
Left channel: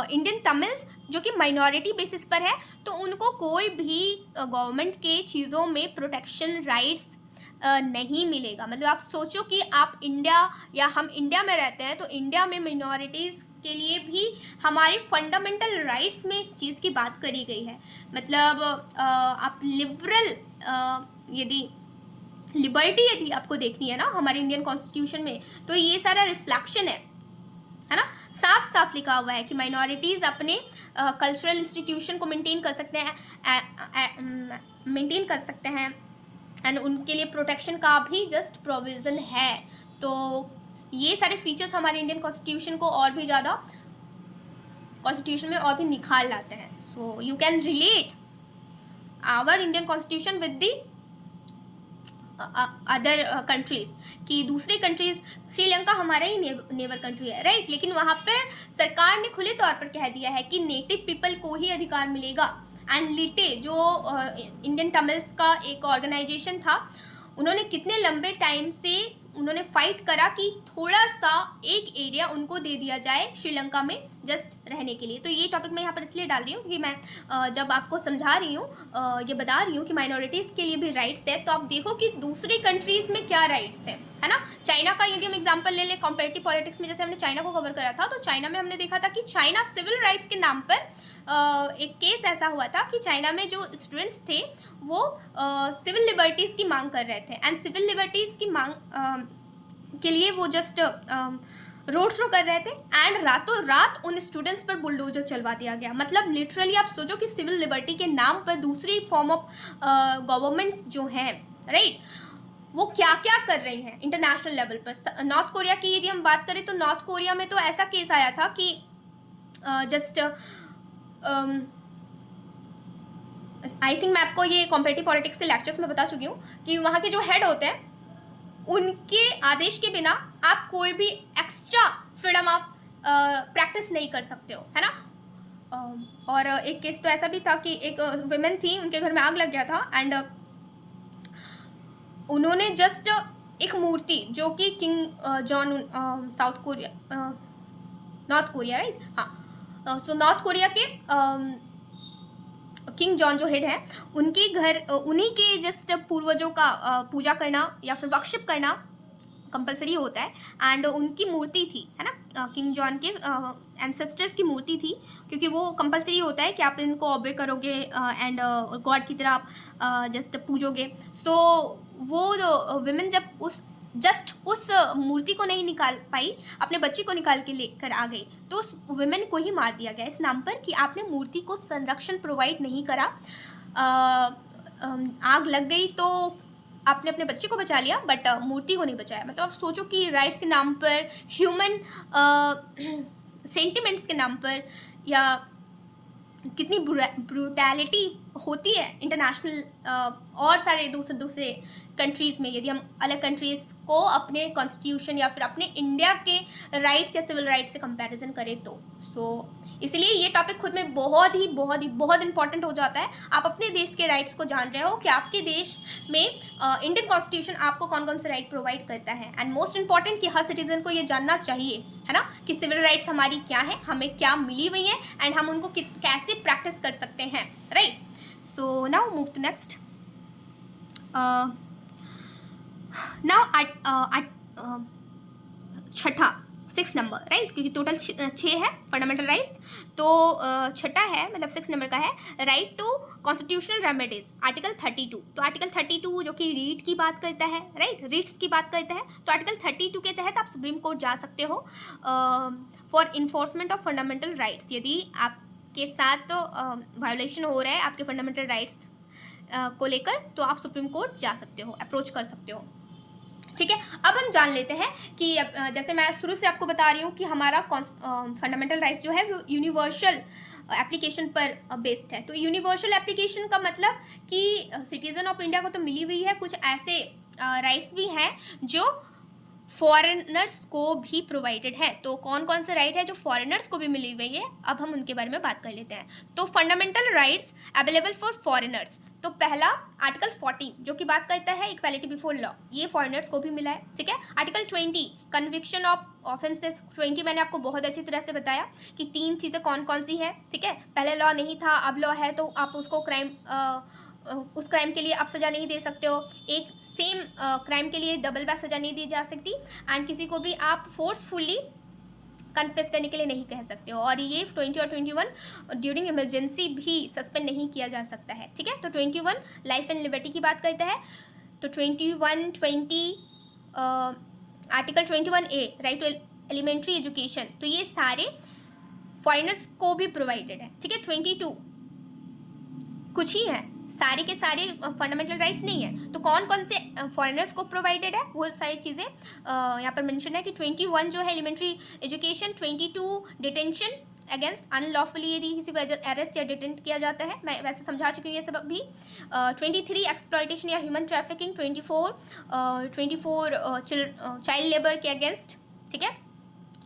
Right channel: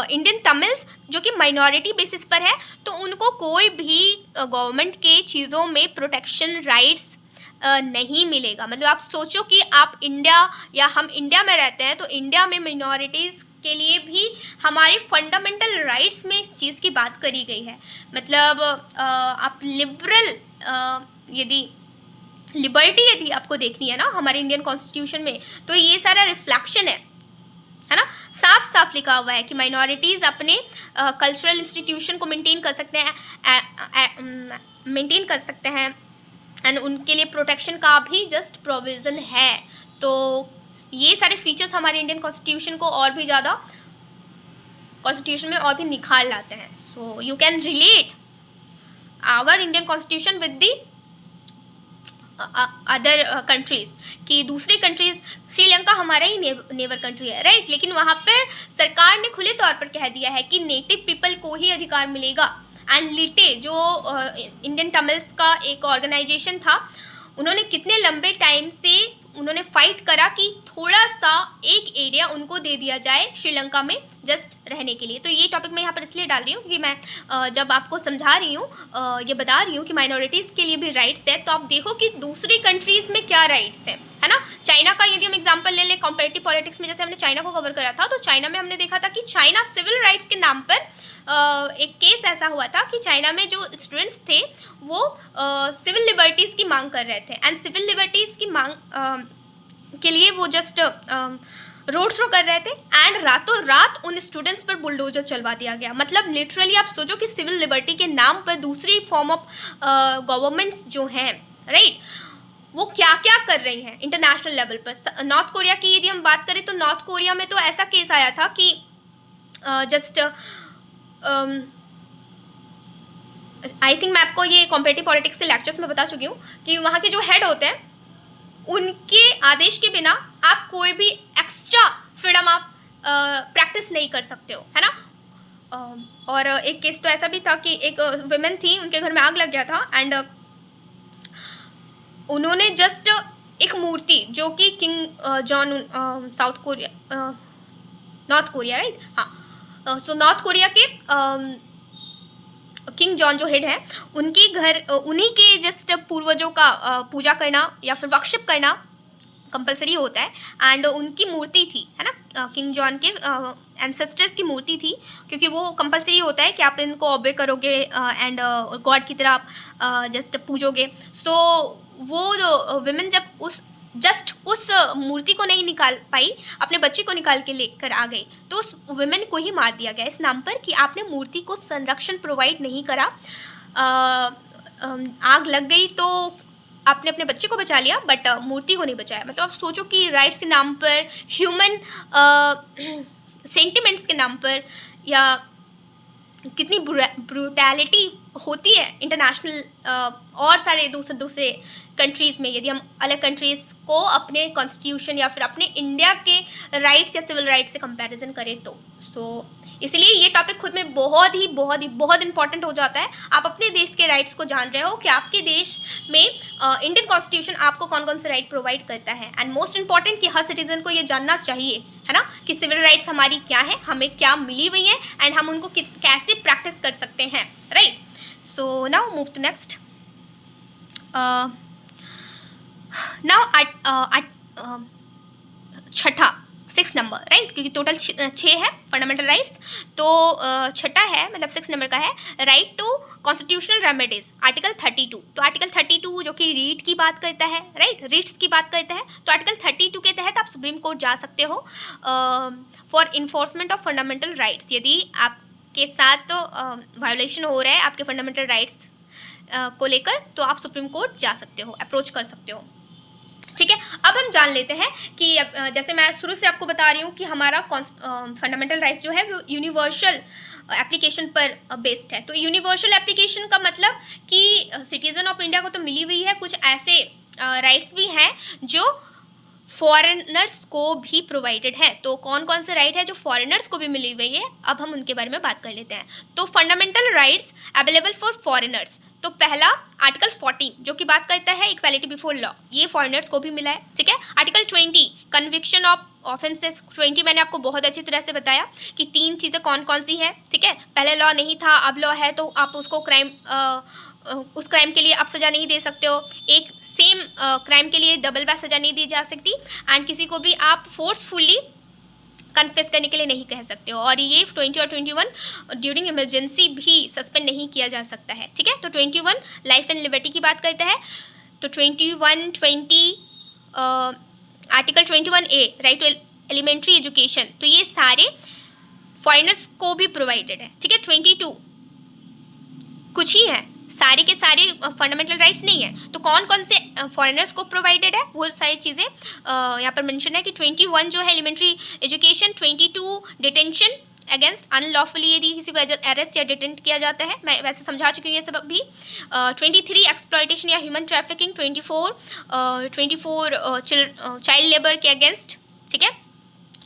इंडियन तमिल्स जो कि माइनॉरिटी बेसिस पर है, तो उनको कोई भी गवर्नमेंट के चीज़ों में प्रोटेक्शन राइट्स नहीं मिलेगा। मतलब आप सोचो कि आप इंडिया या हम इंडिया में रहते हैं, तो इंडिया में माइनॉरिटीज़ के लिए भी हमारे फंडामेंटल राइट्स में इस चीज़ की बात करी गई है। मतलब आप लिबरल यदि लिबर्टी यदि आपको देखनी है ना हमारे इंडियन कॉन्स्टिट्यूशन में, तो ये सारा रिफ्लेक्शन है ना, साफ साफ लिखा हुआ है कि माइनॉरिटीज़ अपने कल्चरल इंस्टीट्यूशन को मेंटेन कर सकते हैं, एंड उनके लिए प्रोटेक्शन का भी जस्ट प्रोविज़न है। तो ये सारे फीचर्स हमारे इंडियन कॉन्स्टिट्यूशन को और भी ज़्यादा कॉन्स्टिट्यूशन में और भी निखार लाते हैं। So you can relate our Indian constitution with the other countries, कि दूसरी कंट्रीज़, श्रीलंका हमारा ही नेबर कंट्री है, राइट, लेकिन वहाँ पर सरकार ने खुले तौर पर कह दिया है कि नेटिव पीपल को ही अधिकार मिलेगा। एंड लिटे जो इंडियन तमिल्स का एक ऑर्गेनाइजेशन था, उन्होंने कितने लंबे टाइम से उन्होंने फाइट करा कि थोड़ा सा एक एरिया उनको दे दिया जाए श्रीलंका में जस्ट रहने के लिए। तो ये टॉपिक मैं यहाँ पर इसलिए डाल रही हूँ कि मैं जब आपको समझा रही हूँ, ये बता रही हूँ कि माइनॉरिटीज़ के लिए भी राइट्स है, तो आप देखो कि दूसरी कंट्रीज़ में क्या राइट्स है ना। चाइना का यदि हम एग्जाम्पल ले लें कंपेरेटिव पॉलिटिक्स में, जैसे हमने चाइना को कवर करा था, तो चाइना में हमने देखा था कि चाइना सिविल राइट्स के नाम पर एक केस ऐसा हुआ था कि चाइना में जो स्टूडेंट्स थे वो सिविल लिबर्टीज़ की मांग कर रहे थे, एंड सिविल लिबर्टीज़ की मांग के लिए वो जस्ट रोड शो कर रहे थे, एंड रातों रात उन स्टूडेंट्स पर बुलडोजर चलवा दिया गया। मतलब लिटरली आप सोचो कि सिविल लिबर्टी के नाम पर दूसरी फॉर्म ऑफ गवर्नमेंट्स जो हैं, राइट, वो क्या क्या कर रही हैं इंटरनेशनल लेवल पर। नॉर्थ कोरिया की यदि हम बात करें, तो नॉर्थ कोरिया में तो ऐसा केस आया था कि जस्ट आई थिंक मैं आपको ये कॉम्पिटिटिव पॉलिटिक्स के लेक्चर्स में बता चुकी हूँ कि वहाँ के जो हेड होते हैं, उनके आदेश के बिना आप कोई भी एक्स्ट्रा फ्रीडम आप प्रैक्टिस नहीं कर सकते हो, है ना। और एक केस तो ऐसा भी था कि एक वुमेन थी, उनके घर में आग लग गया था, एंड उन्होंने जस्ट एक मूर्ति जो कि king John south Korea north Korea, right, हाँ, सो नॉर्थ कोरिया के किंग जॉन जो हेड है, उनके घर, उन्हीं के जस्ट पूर्वजों का पूजा करना या फिर वर्शिप करना कंपलसरी होता है। एंड उनकी मूर्ति थी, है ना, किंग जॉन के एंसेस्टर्स की मूर्ति थी, क्योंकि वो कंपलसरी होता है कि आप इनको ऑबे करोगे एंड गॉड की तरह आप जस्ट पूजोगे। सो वो जो विमेन जब उस मूर्ति को नहीं निकाल पाई, अपने बच्चे को निकाल के लेकर आ गई, तो उस विमेन को ही मार दिया गया इस नाम पर कि आपने मूर्ति को संरक्षण प्रोवाइड नहीं करा। आग लग गई तो आपने अपने बच्चे को बचा लिया, बट मूर्ति को नहीं बचाया। मतलब आप सोचो कि राइट्स के नाम पर, ह्यूमन सेंटिमेंट्स के नाम पर, या कितनी ब्रूटैलिटी होती है इंटरनेशनल और सारे दूसरे कंट्रीज़ में। यदि हम अलग कंट्रीज़ को अपने कॉन्स्टिट्यूशन या फिर अपने इंडिया के राइट्स या सिविल राइट्स से कंपैरिजन करें तो इसलिए ये टॉपिक खुद में बहुत इंपॉर्टेंट हो जाता है। आप अपने देश के राइट्स को जान रहे हो कि आपके देश में इंडियन कॉन्स्टिट्यूशन आपको कौन कौन से राइट प्रोवाइड करता है। एंड मोस्ट इंपॉर्टेंट कि हर सिटीजन को ये जानना चाहिए, है ना, कि सिविल राइट्स हमारी क्या है, हमें क्या मिली हुई है, एंड हम उनको कैसे प्रैक्टिस कर सकते हैं, right. So now move to next. Now छठा 6 नंबर, राइट, क्योंकि टोटल 6 है फंडामेंटल राइट्स, तो छठा है, मतलब 6 नंबर का है, right to constitutional remedies, article 32। तो आर्टिकल 32 जो कि रीट की बात करता है, राइट, रीट्स की बात करता है, तो आर्टिकल 32 के तहत आप सुप्रीम कोर्ट जा सकते हो for enforcement of fundamental rights. यदि आपके साथ वायोलेशन हो रहा है आपके फंडामेंटल राइट्स को लेकर, तो आप सुप्रीम कोर्ट जा सकते हो, अप्रोच कर सकते हो, ठीक है। अब हम जान लेते हैं कि जैसे मैं शुरू से आपको बता रही हूँ कि हमारा फंडामेंटल राइट्स जो है वो यूनिवर्सल एप्लीकेशन पर बेस्ड है। तो यूनिवर्सल एप्लीकेशन का मतलब कि सिटीजन ऑफ इंडिया को तो मिली हुई है, कुछ ऐसे राइट्स भी हैं जो फॉरेनर्स को भी प्रोवाइडेड है। तो कौन कौन से राइट है जो फॉरेनर्स को भी मिली हुई है, अब हम उनके बारे में बात कर लेते हैं। तो fundamental rights available for foreigners, तो पहला आर्टिकल 14 जो कि बात करता है इक्वालिटी बिफोर लॉ, ये फॉरेनर्स को भी मिला है, ठीक है। आर्टिकल 20 कन्विक्शन ऑफ ऑफेंसेस, 20 मैंने आपको बहुत अच्छी तरह से बताया कि 3 चीज़ें कौन कौन सी हैं, ठीक है। पहले लॉ नहीं था, अब लॉ है, तो आप उसको उस क्राइम के लिए आप सज़ा नहीं दे सकते हो। एक सेम क्राइम के लिए डबल बार सज़ा नहीं दी जा सकती, एंड किसी को भी आप फोर्सफुली कन्फेस करने के लिए नहीं कह सकते हो। और ये 20 और 21 ड्यूरिंग इमरजेंसी भी सस्पेंड नहीं किया जा सकता है, ठीक है। तो 21 लाइफ एंड लिबर्टी की बात करता है, तो 21, 20 article 21A right to elementary education, तो ये सारे फॉरेनर्स को भी प्रोवाइडेड है, ठीक है। 22 कुछ ही है, सारे के सारे फंडामेंटल राइट्स नहीं है। तो कौन कौन से फॉरेनर्स को प्रोवाइडेड है वो सारी चीज़ें यहाँ पर मेंशन है कि 21 जो है elementary education, 22 detention against unlawfully, यदि किसी को अरेस्ट या डिटेंट किया जाता है, मैं वैसे समझा चुकी हूँ ये सब अभी। 23 एक्सप्लॉयटेशन या ह्यूमन ट्रैफिकिंग, 24 चाइल्ड लेबर के अगेंस्ट, ठीक है।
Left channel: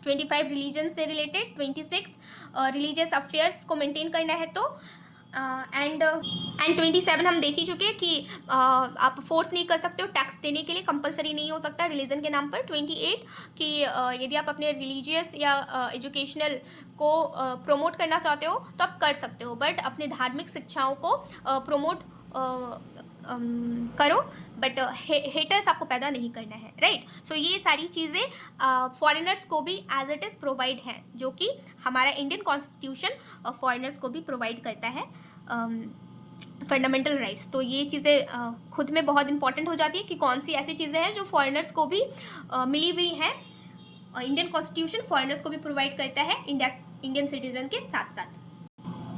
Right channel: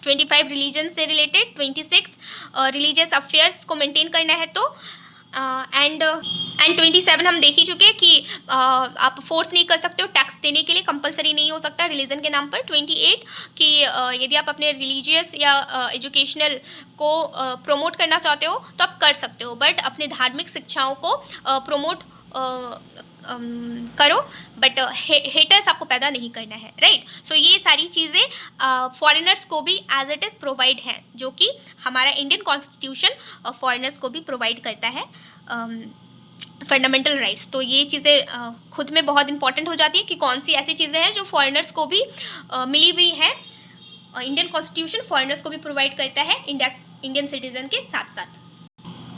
25 रिलीजन से रिलेटेड, 26 रिलीजियस अफेयर्स को मेंटेन करना है, तो एंड 27 हम देख ही चुके हैं कि आप फोर्स नहीं कर सकते हो टैक्स देने के लिए, कंपलसरी नहीं हो सकता रिलीजन के नाम पर। 28 कि यदि आप अपने रिलीजियस या एजुकेशनल को प्रमोट करना चाहते हो तो आप कर सकते हो, बट अपने धार्मिक शिक्षाओं को प्रमोट करो, बट हेटर्स आपको पैदा नहीं करना है, राइट। सो ये सारी चीज़ें फॉरेनर्स को भी एज इट इज़ प्रोवाइड है, जो कि हमारा इंडियन कॉन्स्टिट्यूशन फॉरेनर्स को भी प्रोवाइड करता है फंडामेंटल राइट्स। तो ये चीज़ें खुद में बहुत इंपॉर्टेंट हो जाती है कि कौन सी ऐसी चीज़ें हैं जो फॉरेनर्स को भी मिली हुई हैं। इंडियन कॉन्स्टिट्यूशन फॉरेनर्स को भी प्रोवाइड करता है इंडियन सिटीजन के साथ साथ।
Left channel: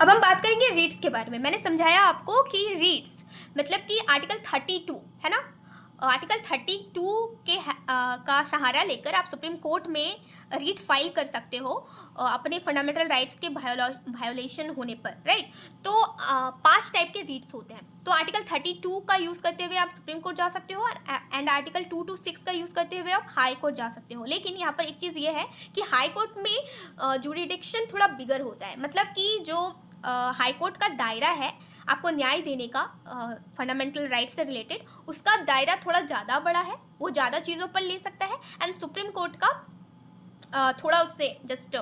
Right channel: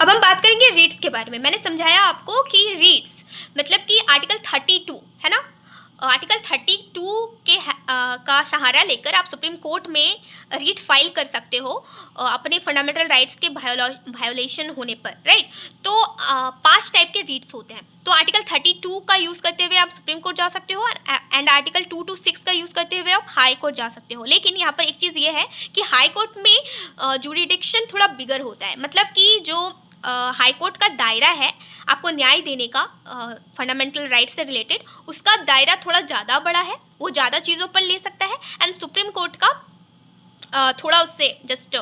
अब हम बात करेंगे रीट्स के बारे में। मैंने समझाया आपको कि रीट्स मतलब कि आर्टिकल 32 है ना, आर्टिकल 32 के का सहारा लेकर आप सुप्रीम कोर्ट में रीट फाइल कर सकते हो अपने फंडामेंटल राइट्स के वायोलेशन होने पर, राइट। तो 5 टाइप के रीट्स होते हैं। तो आर्टिकल 32 का यूज़ करते हुए आप सुप्रीम कोर्ट जा सकते हो, एंड आर्टिकल 2 to 6 का यूज़ करते हुए आप हाई कोर्ट जा सकते हो। लेकिन यहाँ पर एक चीज़ ये है कि हाई कोर्ट में जुरिडिक्शन थोड़ा बिगर होता है, मतलब कि जो हाई कोर्ट का दायरा है आपको न्याय देने का फंडामेंटल राइट से रिलेटेड, उसका दायरा थोड़ा ज़्यादा बड़ा है, वो ज़्यादा चीज़ों पर ले सकता है। एंड सुप्रीम कोर्ट का थोड़ा उससे जस्ट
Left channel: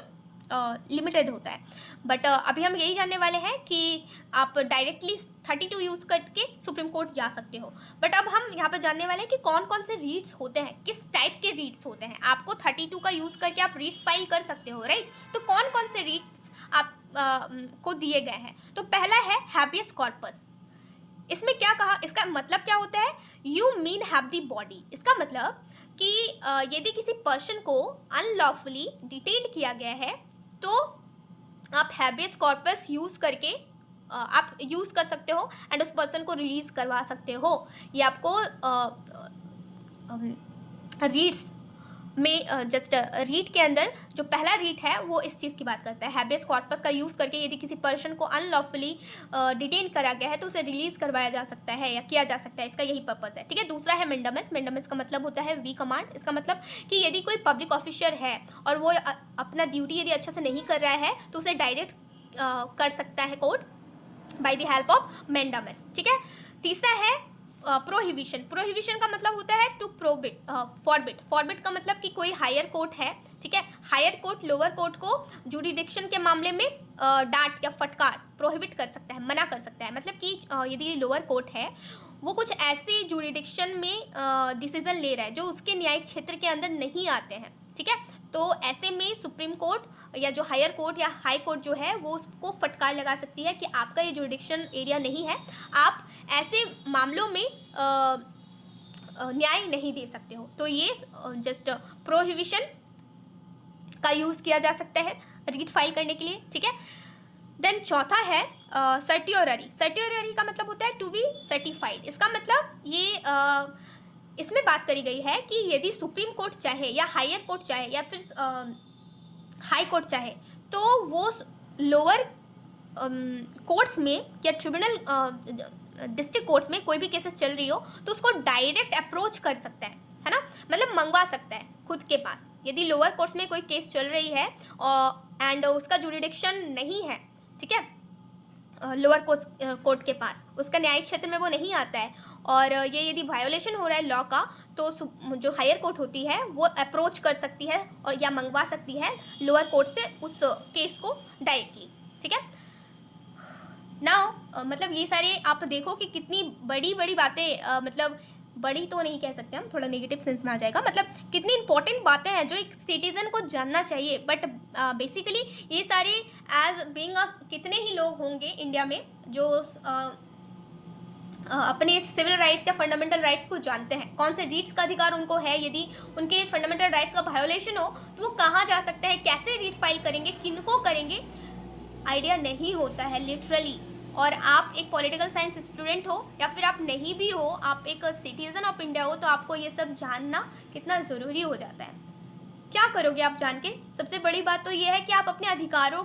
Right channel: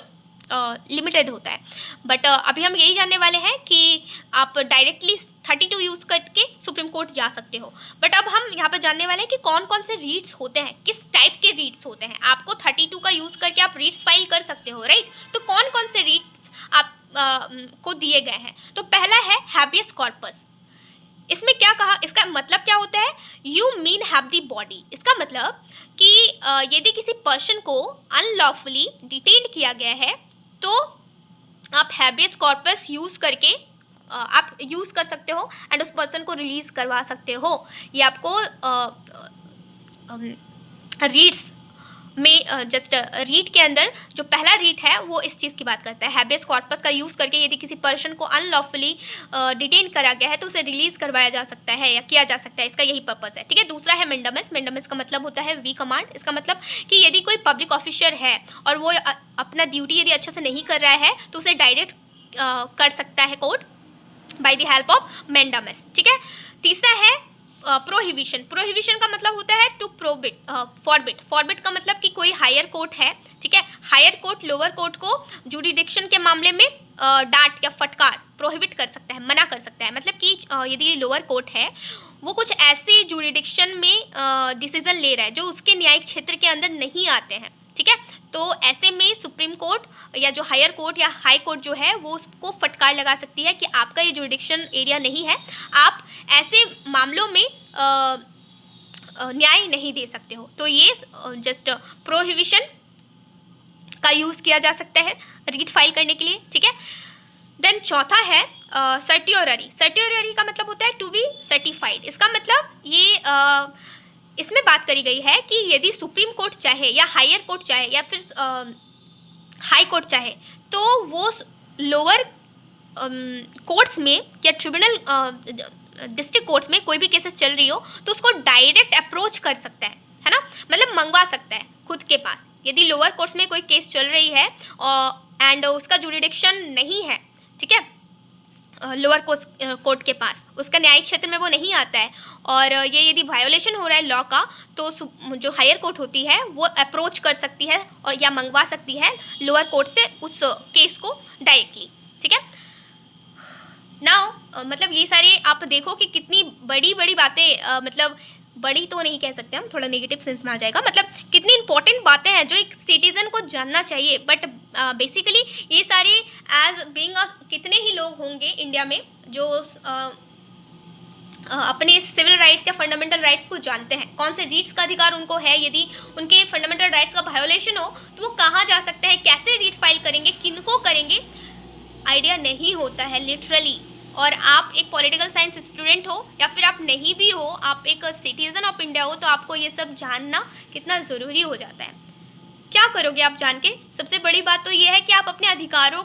लिमिटेड होता है। बट अभी हम यही जानने वाले हैं कि आप डायरेक्टली 32 यूज़ करके सुप्रीम कोर्ट जा सकते हो। बट अब हम यहाँ पर जानने वाले हैं कि कौन कौन से रीट्स होते हैं, किस टाइप के रीट्स होते हैं। आपको 32 का यूज़ करके आप रीट्स फाइल कर सकते हो, राइट। तो कौन कौन से रीट्स आप को दिए गए हैं। तो पहला है हैबियस कॉर्पस। इसमें क्या कहा, इसका मतलब क्या होता है, you mean have the body. इसका मतलब कि यदि किसी पर्सन को अनलॉफुली डिटेन्ड किया गया है तो आप हैबियस कॉर्पस यूज़ करके आप यूज़ कर सकते हो एंड उस पर्सन को रिलीज़ करवा सकते हो। ये आपको रीड्स में जस्ट रीड के अंदर जो पहला रीड है वो इस चीज़ की बात करता है। हैबियस कॉर्पस का यूज़ करके यदि किसी पर्सन को अनलॉफुली डिटेन करा गया है तो उसे रिलीज़ करवाया जा सकता है या किया जा सकता है, इसका यही पर्पस है, ठीक है। दूसरा है मेंडामस। मेंडामस का मतलब होता है वी कमांड। इसका मतलब कि यदि कोई पब्लिक ऑफिसर है और वो अपना ड्यूटी यदि अच्छे से नहीं कर रहा है तो उसे डायरेक्ट कर सकता है court by the help of mandamus, ठीक है। तीसरा है प्रोहिबिशन। प्रोहिबिशन का मतलब होता है टू प्रोबिट, फॉरबिट। फॉरबिट का मतलब कि कोई हायर कोर्ट है, ठीक है, हायर कोर्ट लोअर कोर्ट को जुरिडिक्शन के मामले में डांट या फटकार प्रोहिबिट कर सकता है, मना कर सकता है। मतलब कि यदि लोअर कोर्ट है वो कुछ ऐसे जुरिडिक्शन में डिसीजन ले रहा है जो उसके न्यायिक क्षेत्र के अंदर नहीं आते हैं, ठीक है। तो ऐसे में सुप्रीम कोर्ट या जो हायर कोर्ट या हाई कोर्ट जो है वो उसको फटकार लगा सकती है कि आपका ये जुरिडिक्शन एरिया नहीं है, आप ऐसे मामलों में न्याय नहीं दे सकते हो। तो ये जस्ट प्रोहिबिशन का यूज़ किया जा सकता है रीड फाइल करने के लिए, ठीक है। देन चौथा है सर्टियोररी। सर्टियोररी का मतलब होता है टू बी सर्टिफाइड। इसका मतलब ये इसमें बात करी गई है कि यदि सुप्रीम कोर्ट चाहे या हायर कोर्ट चाहे या फिर हाई कोर्ट चाहे तो वो लोअर कोर्ट्स में या ट्रिब्यूनल डिस्ट्रिक्ट कोर्ट्स में कोई भी केसेस चल रही हो तो उसको डायरेक्ट अप्रोच कर सकता है ना, मतलब मंगवा सकता है खुद के पास। यदि लोअर कोर्ट्स में कोई केस चल रही है एंड उसका जुरिडिक्शन नहीं है, ठीक है, लोअर कोर्ट के पास उसका न्यायिक क्षेत्र में वो नहीं आता है और ये यदि वायोलेशन हो रहा है लॉ का तो जो हायर कोर्ट होती है वो अप्रोच कर सकती है और या मंगवा सकती है लोअर कोर्ट से उस केस को डायरेक्टली, ठीक है। नाउ मतलब ये सारे आप देखो कि कितनी बड़ी बड़ी बातें, मतलब बड़ी तो नहीं कह सकते हम, थोड़ा नेगेटिव सेंस में आ जाएगा, मतलब कितनी इंपॉर्टेंट बातें हैं जो एक सिटीजन को जानना चाहिए। बट बेसिकली ये सारे एज बीइंग कितने ही लोग होंगे इंडिया में जो अपने सिविल राइट्स या फंडामेंटल राइट्स को जानते हैं, कौन से रीट्स का अधिकार उनको है, यदि उनके फंडामेंटल राइट्स का वायोलेशन हो तो वो कहाँ जा सकते हैं, कैसे रीट फाइल करेंगे, किनको करेंगे, आइडिया नहीं होता है लिटरली। और आप एक पॉलिटिकल साइंस स्टूडेंट हो या फिर आप नहीं भी हो, आप एक सिटीजन ऑफ इंडिया हो, तो आपको ये सब जानना कितना ज़रूरी हो जाता है। क्या करोगे आप जान के? सबसे बड़ी बात तो ये है कि आप अपने अधिकारों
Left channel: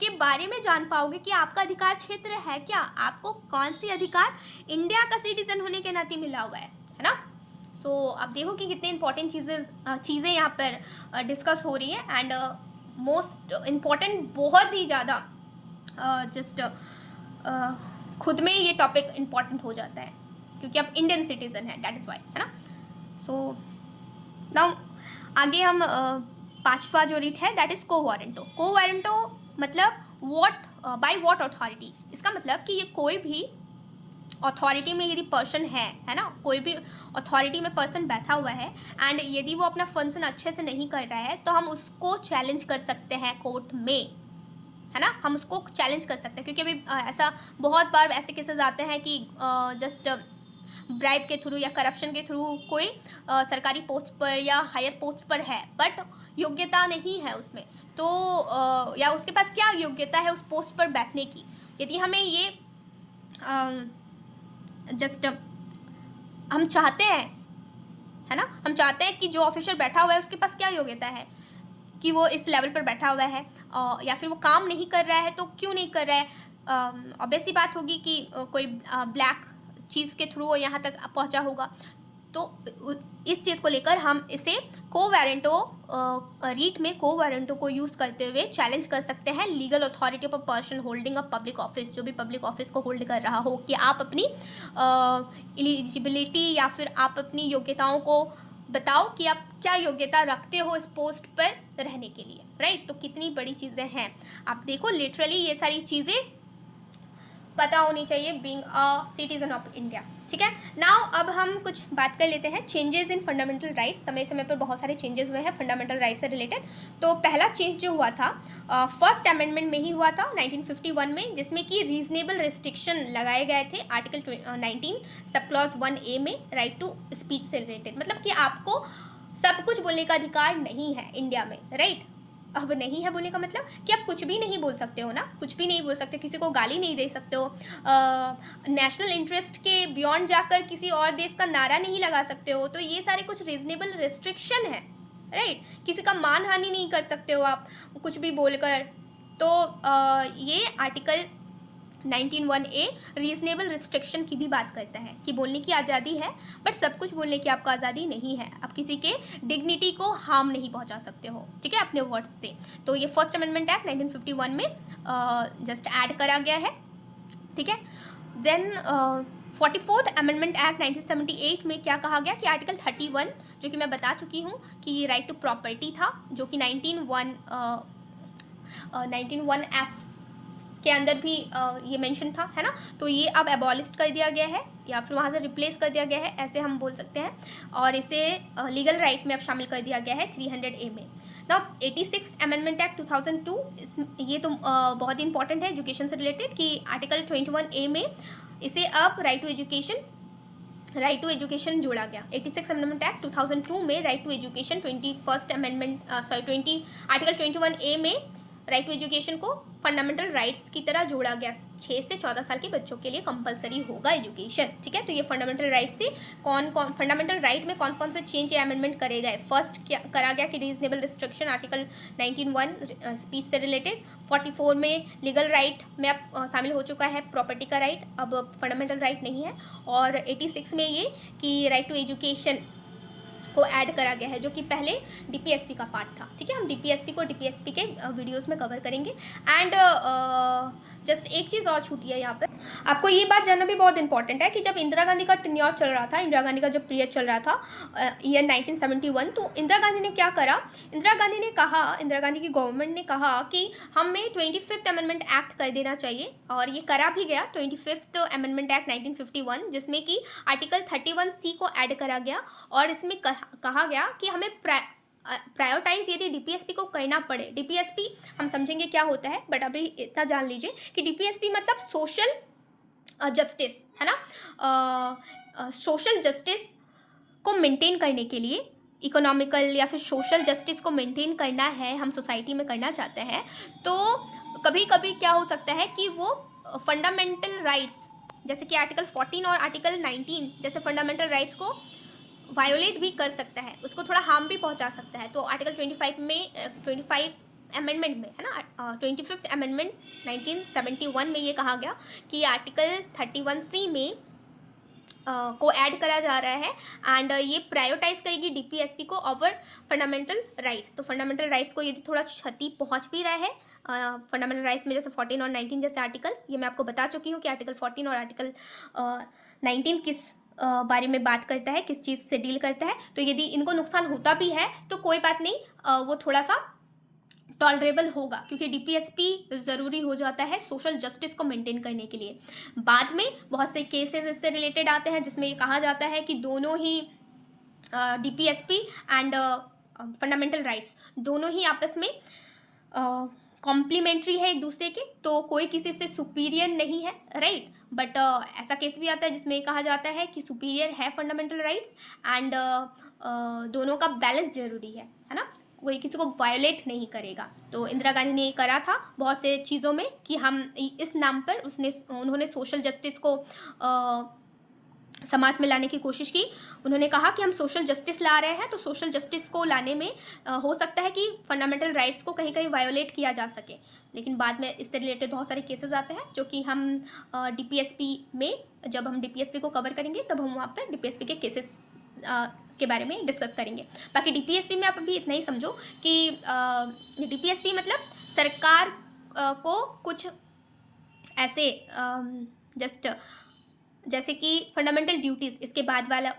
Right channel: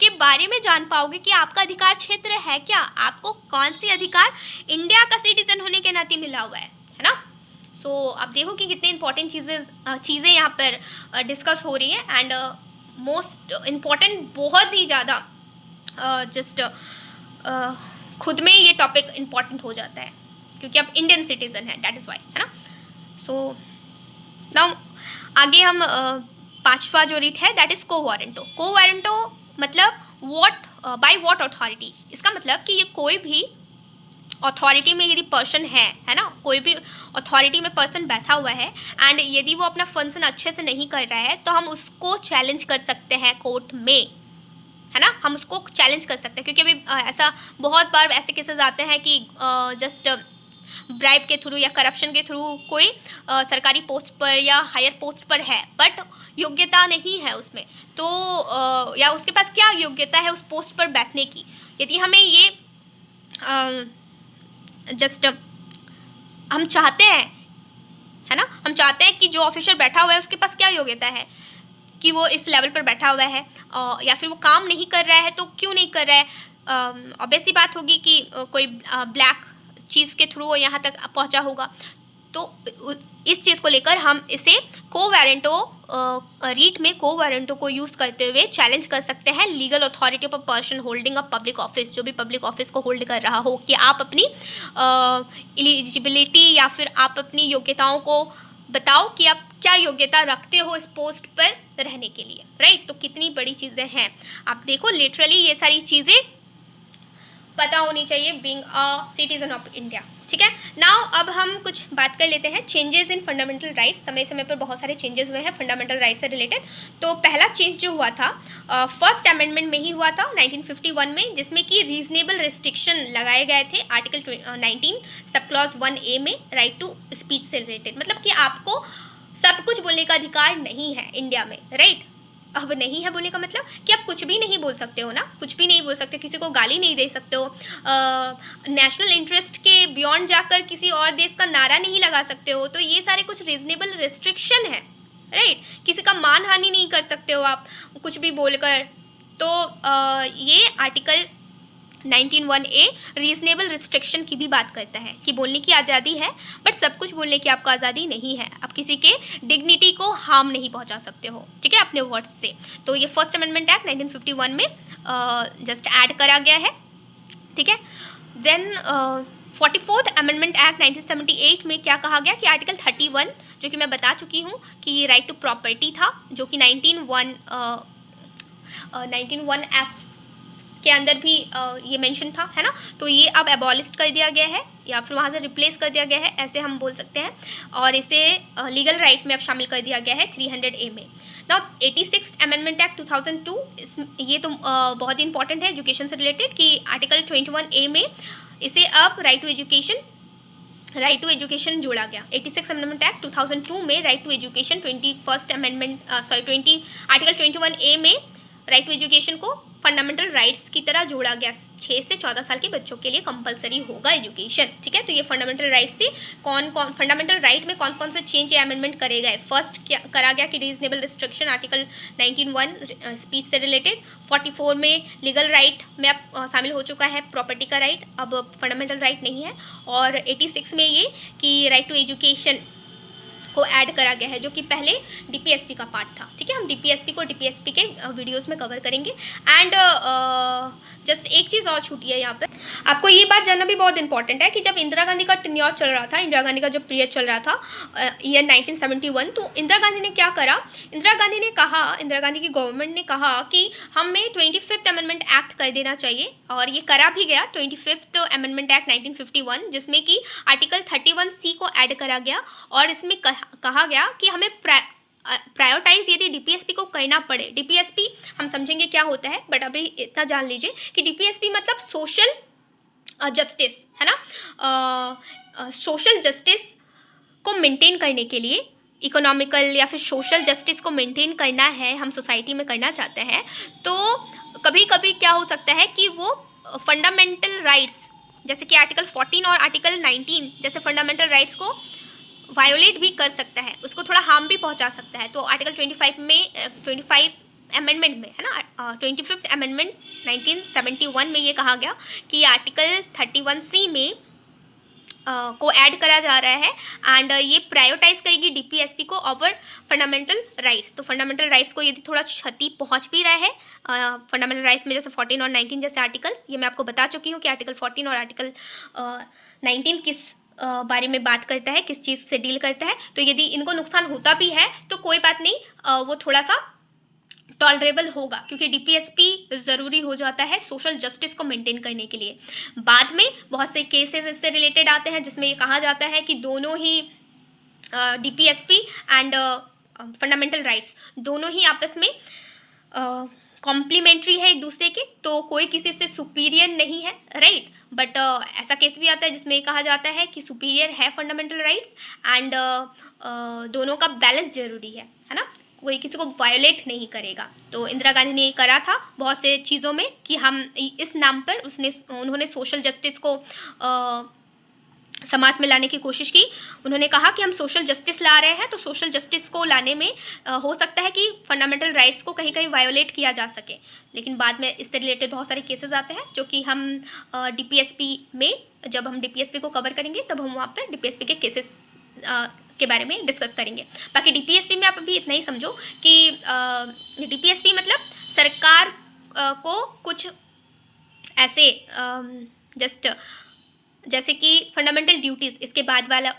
के बारे में जान पाओगे कि आपका अधिकार क्षेत्र है क्या, आपको कौन सी अधिकार इंडिया का सिटीजन होने के नाते मिला हुआ है ना। सो आप देखो कि कितने इंपॉर्टेंट चीज़ें यहाँ पर डिस्कस हो रही है एंड मोस्ट इम्पॉर्टेंट, बहुत ही ज़्यादा जस्ट खुद में ये टॉपिक इम्पॉर्टेंट हो जाता है क्योंकि आप इंडियन सिटीजन हैं, दैट इज़ वाई, है ना। सो नाउ आगे हम पांचवा जो रीट है दैट इज़ को वारंटो। को वारंटो मतलब व्हाट, बाय व्हाट अथॉरिटी। इसका मतलब कि ये कोई भी अथॉरिटी में यदि पर्सन है ना, कोई भी अथॉरिटी में पर्सन बैठा हुआ है एंड यदि वो अपना फंक्शन अच्छे से नहीं कर रहा है तो हम उसको चैलेंज कर सकते हैं कोर्ट में, है ना, हम उसको चैलेंज कर सकते हैं। क्योंकि अभी ऐसा बहुत बार ऐसे केसेस आते हैं कि जस्ट ब्राइब के थ्रू या करप्शन के थ्रू कोई सरकारी पोस्ट पर या हायर पोस्ट पर है बट योग्यता नहीं है उसमें, तो या उसके पास क्या योग्यता है उस पोस्ट पर बैठने की। यदि हमें ये जस्ट हम चाहते हैं, है ना, हम चाहते हैं कि जो ऑफिसर बैठा हुआ है उसके पास क्या योग्यता है कि वो इस लेवल पर बैठा हुआ है, या फिर वो काम नहीं कर रहा है तो क्यों नहीं कर रहा है। ऑब्वियस सी बात होगी कि कोई ब्लैक चीज़ के थ्रू वो यहाँ तक पहुँचा होगा। तो इस चीज़ को लेकर हम इसे को वारंटो रीट में को वारंटो को यूज़ करते हुए चैलेंज कर सकते हैं legal authority of a person holding a public office, जो भी पब्लिक ऑफिस को होल्ड कर रहा हो, कि आप अपनी एलिजिबिलिटी या फिर आप अपनी योग्यताओं को बताओ कि आप क्या योग्यता रखते हो इस पोस्ट पर रहने के लिए, राइट। तो कितनी बड़ी चीज़ें हैं, आप देखो लिटरली ये सारी चीज़ें पता होनी चाहिए being a citizen of India, ठीक है। नाउ अब हम कुछ बात कर लेते हैं चेंजेस इन फंडामेंटल राइट्स। समय समय पर बहुत सारे चेंजेस हुए हैं फंडामेंटल राइट्स से रिलेटेड। तो पहला चेंज जो हुआ था फर्स्ट अमेंडमेंट में ही हुआ था 1951 में, जिसमें कि रीजनेबल रिस्ट्रिक्शन लगाए गए थे आर्टिकल 19 सब क्लॉज 1A में, राइट टू स्पीच से रिलेटेड। मतलब कि आपको सब कुछ बोलने का अधिकार नहीं है इंडिया में, राइट। अब नहीं है बोलने का मतलब कि आप कुछ भी नहीं बोल सकते हो ना, कुछ भी नहीं बोल सकते, किसी को गाली नहीं दे सकते हो, नेशनल इंटरेस्ट के बियॉन्ड जाकर किसी और देश का नारा नहीं लगा सकते हो। तो ये सारे कुछ रीजनेबल रिस्ट्रिक्शन है, राइट। किसी का मान हानि नहीं कर सकते हो आप कुछ भी बोलकर। तो ये आर्टिकल 19(1)(a रीजनेबल रिस्ट्रिक्शन की भी बात करता है कि बोलने की आज़ादी है, बट सब कुछ बोलने की आपको आज़ादी नहीं है। आप किसी के डिग्निटी को हार्म नहीं पहुंचा सकते हो, ठीक है, अपने वर्ड्स से। तो ये फर्स्ट अमेंडमेंट एक्ट 1951 में जस्ट ऐड करा गया है, ठीक है। देन 44th अमेंडमेंट एक्ट 1978 में क्या कहा गया कि आर्टिकल 31, जो कि मैं बता चुकी हूँ कि राइट टू प्रॉपर्टी था, जो कि 19(1)(f) के अंदर भी ये मेंशन था, है ना। तो ये अब एबॉलिश कर दिया गया है या फिर वहाँ से रिप्लेस कर दिया गया है, ऐसे हम बोल सकते हैं। और इसे लीगल राइट में अब शामिल कर दिया गया है 300A में। नाउ 86th अमेंडमेंट एक्ट 2002, ये तो बहुत ही इंपॉर्टेंट है एजुकेशन से रिलेटेड कि आर्टिकल 21A में इसे अब राइट टू एजुकेशन जोड़ा गया। 86 अमेंडमेंट एक्ट 2002 में right to education, 21st amendment article 21A में राइट टू एजुकेशन को फंडामेंटल राइट्स की तरह जोड़ा गया। 6 से 14 साल के बच्चों के लिए कंपलसरी होगा एजुकेशन, ठीक है। तो ये फंडामेंटल राइट्स थी। फंडामेंटल राइट में कौन कौन से चेंज या अमेंडमेंट करे गए। फर्स्ट क्या करा गया कि रीजनेबल रिस्ट्रिक्शन आर्टिकल 19(1) स्पीच से रिलेटेड। 44 में लीगल राइट में अब शामिल हो चुका है प्रॉपर्टी का राइट, अब फंडामेंटल राइट नहीं है। और 86 में ये कि राइट टू एजुकेशन को ऐड करा गया है, जो कि पहले डीपीएसपी का पार्ट था, ठीक है। हम डीपीएसपी को डीपीएसपी के वीडियोस में कवर करेंगे। एंड जस्ट एक चीज़ और छूटी है यहाँ पे, आपको ये बात जानना भी बहुत इंपॉर्टेंट है कि जब इंदिरा गांधी का टेन्योर चल रहा था, इंदिरा गांधी का जब पीरियड चल रहा था ईयर 1971, तो इंदिरा गांधी ने क्या करा, इंदिरा गांधी की गवर्नमेंट ने कहा कि हमें 25th अमेंडमेंट एक्ट कर देना चाहिए, और ये करा भी गया 25th अमेंडमेंट एक्ट 1951, जिसमें कि आर्टिकल 31C को ऐड करा गया। और इसमें कहा गया कि हमें प्रायोरिटाइज यदि डीपीएसपी को करना पड़े। डीपीएसपी हम समझेंगे क्या होता है, बट अभी इतना जान लीजिए कि डीपीएसपी मतलब सोशल जस्टिस, है ना। सोशल जस्टिस को मेंटेन करने के लिए, इकोनॉमिकल या फिर सोशल जस्टिस को मेंटेन करना है, हम सोसाइटी में करना चाहते हैं, तो कभी कभी क्या हो सकता है कि वो फंडामेंटल राइट्स जैसे कि आर्टिकल 14 और आर्टिकल 19 जैसे फंडामेंटल राइट्स को वायोलेट भी कर सकता है, उसको थोड़ा हार्म भी पहुंचा सकता है। तो आर्टिकल 25 अमेंडमेंट में, है ना, 25th अमेंडमेंट 1971 में ये कहा गया कि आर्टिकल 31C में को ऐड करा जा रहा है, एंड ये प्रायोरिटाइज करेगी डीपीएसपी को ओवर फंडामेंटल राइट्स। तो फंडामेंटल राइट्स को यदि थोड़ा क्षति पहुंच भी रहा है फंडामेंटल राइट्स में, जैसे 14 और 19 जैसे आर्टिकल्स, ये मैं आपको बता चुकी हूँ कि आर्टिकल 14 और आर्टिकल 19 किस बारे में बात करता है, किस चीज़ से डील करता है। तो यदि इनको नुकसान होता भी है तो कोई बात नहीं, वो थोड़ा सा टॉलरेबल होगा, क्योंकि डीपीएसपी ज़रूरी हो जाता है सोशल जस्टिस को मेंटेन करने के लिए। बाद में बहुत से केसेस इससे रिलेटेड आते हैं जिसमें ये कहा जाता है कि दोनों ही डीपीएसपी एंड फंडामेंटल राइट्स दोनों ही आपस में कॉम्प्लीमेंट्री है एक दूसरे के, तो कोई किसी से सुपीरियर नहीं है, राइट। बट ऐसा केस भी आता है जिसमें कहा जाता है कि सुपीरियर है फंडामेंटल राइट्स, एंड दोनों का बैलेंस जरूरी है ना, कोई किसी को वायोलेट नहीं करेगा। तो इंदिरा गांधी ने ये करा था बहुत से चीज़ों में कि हम इस नाम पर उन्होंने सोशल जस्टिस को समाज में लाने की कोशिश की। उन्होंने कहा कि हम सोशल जस्टिस ला रहे हैं, तो सोशल जस्टिस को लाने में हो सकता है कि फंडामेंटल राइट्स को कहीं कहीं वायोलेट किया जा सके, लेकिन बाद में इससे रिलेटेड बहुत सारे केसेस आते हैं जो कि हम डीपीएसपी में, जब हम डीपीएसपी को कवर करेंगे तब हम वहाँ पर डीपीएसपी के केसेस के बारे में डिस्कस करेंगे। बाकी डीपीएसपी में आप अभी इतना ही समझो कि डीपीएसपी मतलब सरकार को कुछ ऐसे जस्ट जैसे कि फंडामेंटल ड्यूटीज़, इसके बाद वाला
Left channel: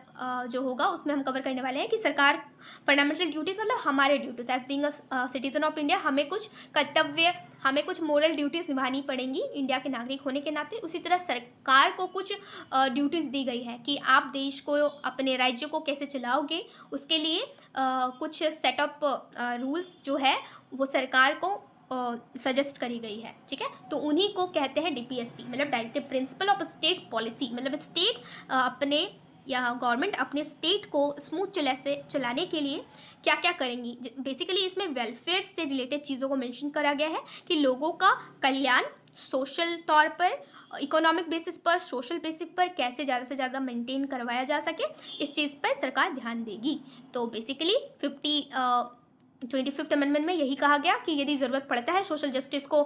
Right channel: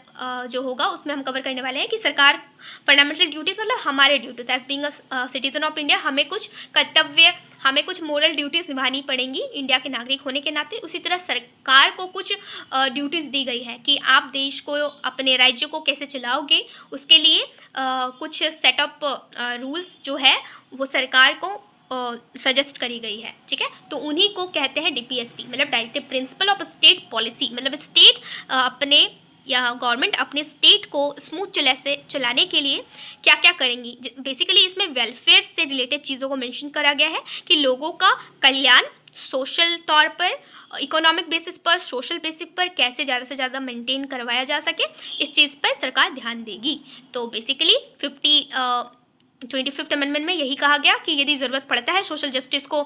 जो होगा उसमें हम कवर करने वाले हैं कि सरकार, फंडामेंटल ड्यूटीज़ मतलब हमारे duties as being a citizen of India, हमें कुछ कर्तव्य, हमें कुछ मोरल ड्यूटीज़ निभानी पड़ेंगी इंडिया के नागरिक होने के नाते। उसी तरह सरकार को कुछ ड्यूटीज़ दी गई है कि आप देश को, अपने राज्य को कैसे चलाओगे, उसके लिए कुछ सेटअप रूल्स जो है वो सरकार को सजेस्ट करी गई है, ठीक है। तो उन्हीं को कहते हैं डीपीएसपी, मतलब directive principle of state policy, मतलब स्टेट अपने या गवर्नमेंट अपने स्टेट को स्मूथ चलाने के लिए क्या क्या करेंगी। बेसिकली इसमें वेलफेयर से रिलेटेड चीज़ों को मेंशन करा गया है कि लोगों का कल्याण सोशल तौर पर, इकोनॉमिक बेसिस पर, सोशल बेसिस पर कैसे ज़्यादा से ज़्यादा मेंटेन करवाया जा सके, इस चीज़ पर सरकार ध्यान देगी। तो बेसिकली 25th अमेंडमेंट में यही कहा गया कि यदि ज़रूरत पड़ता है सोशल जस्टिस को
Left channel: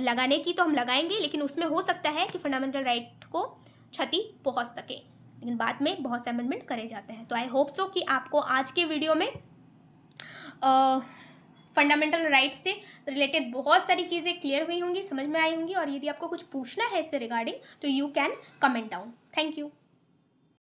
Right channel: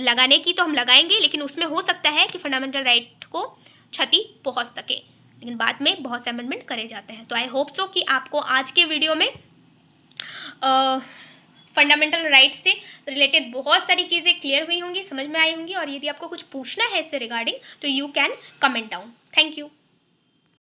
लगाने की तो हम लगाएंगे, लेकिन उसमें हो सकता है कि फंडामेंटल राइट को क्षति पहुंच सके, लेकिन बाद में बहुत से अमेंडमेंट करे जाते हैं। तो आई होप सो कि आपको आज के वीडियो में फंडामेंटल राइट से रिलेटेड बहुत सारी चीज़ें क्लियर हुई होंगी, समझ में आई होंगी, और यदि आपको कुछ पूछना है इससे रिगार्डिंग तो you can comment down. Thank you.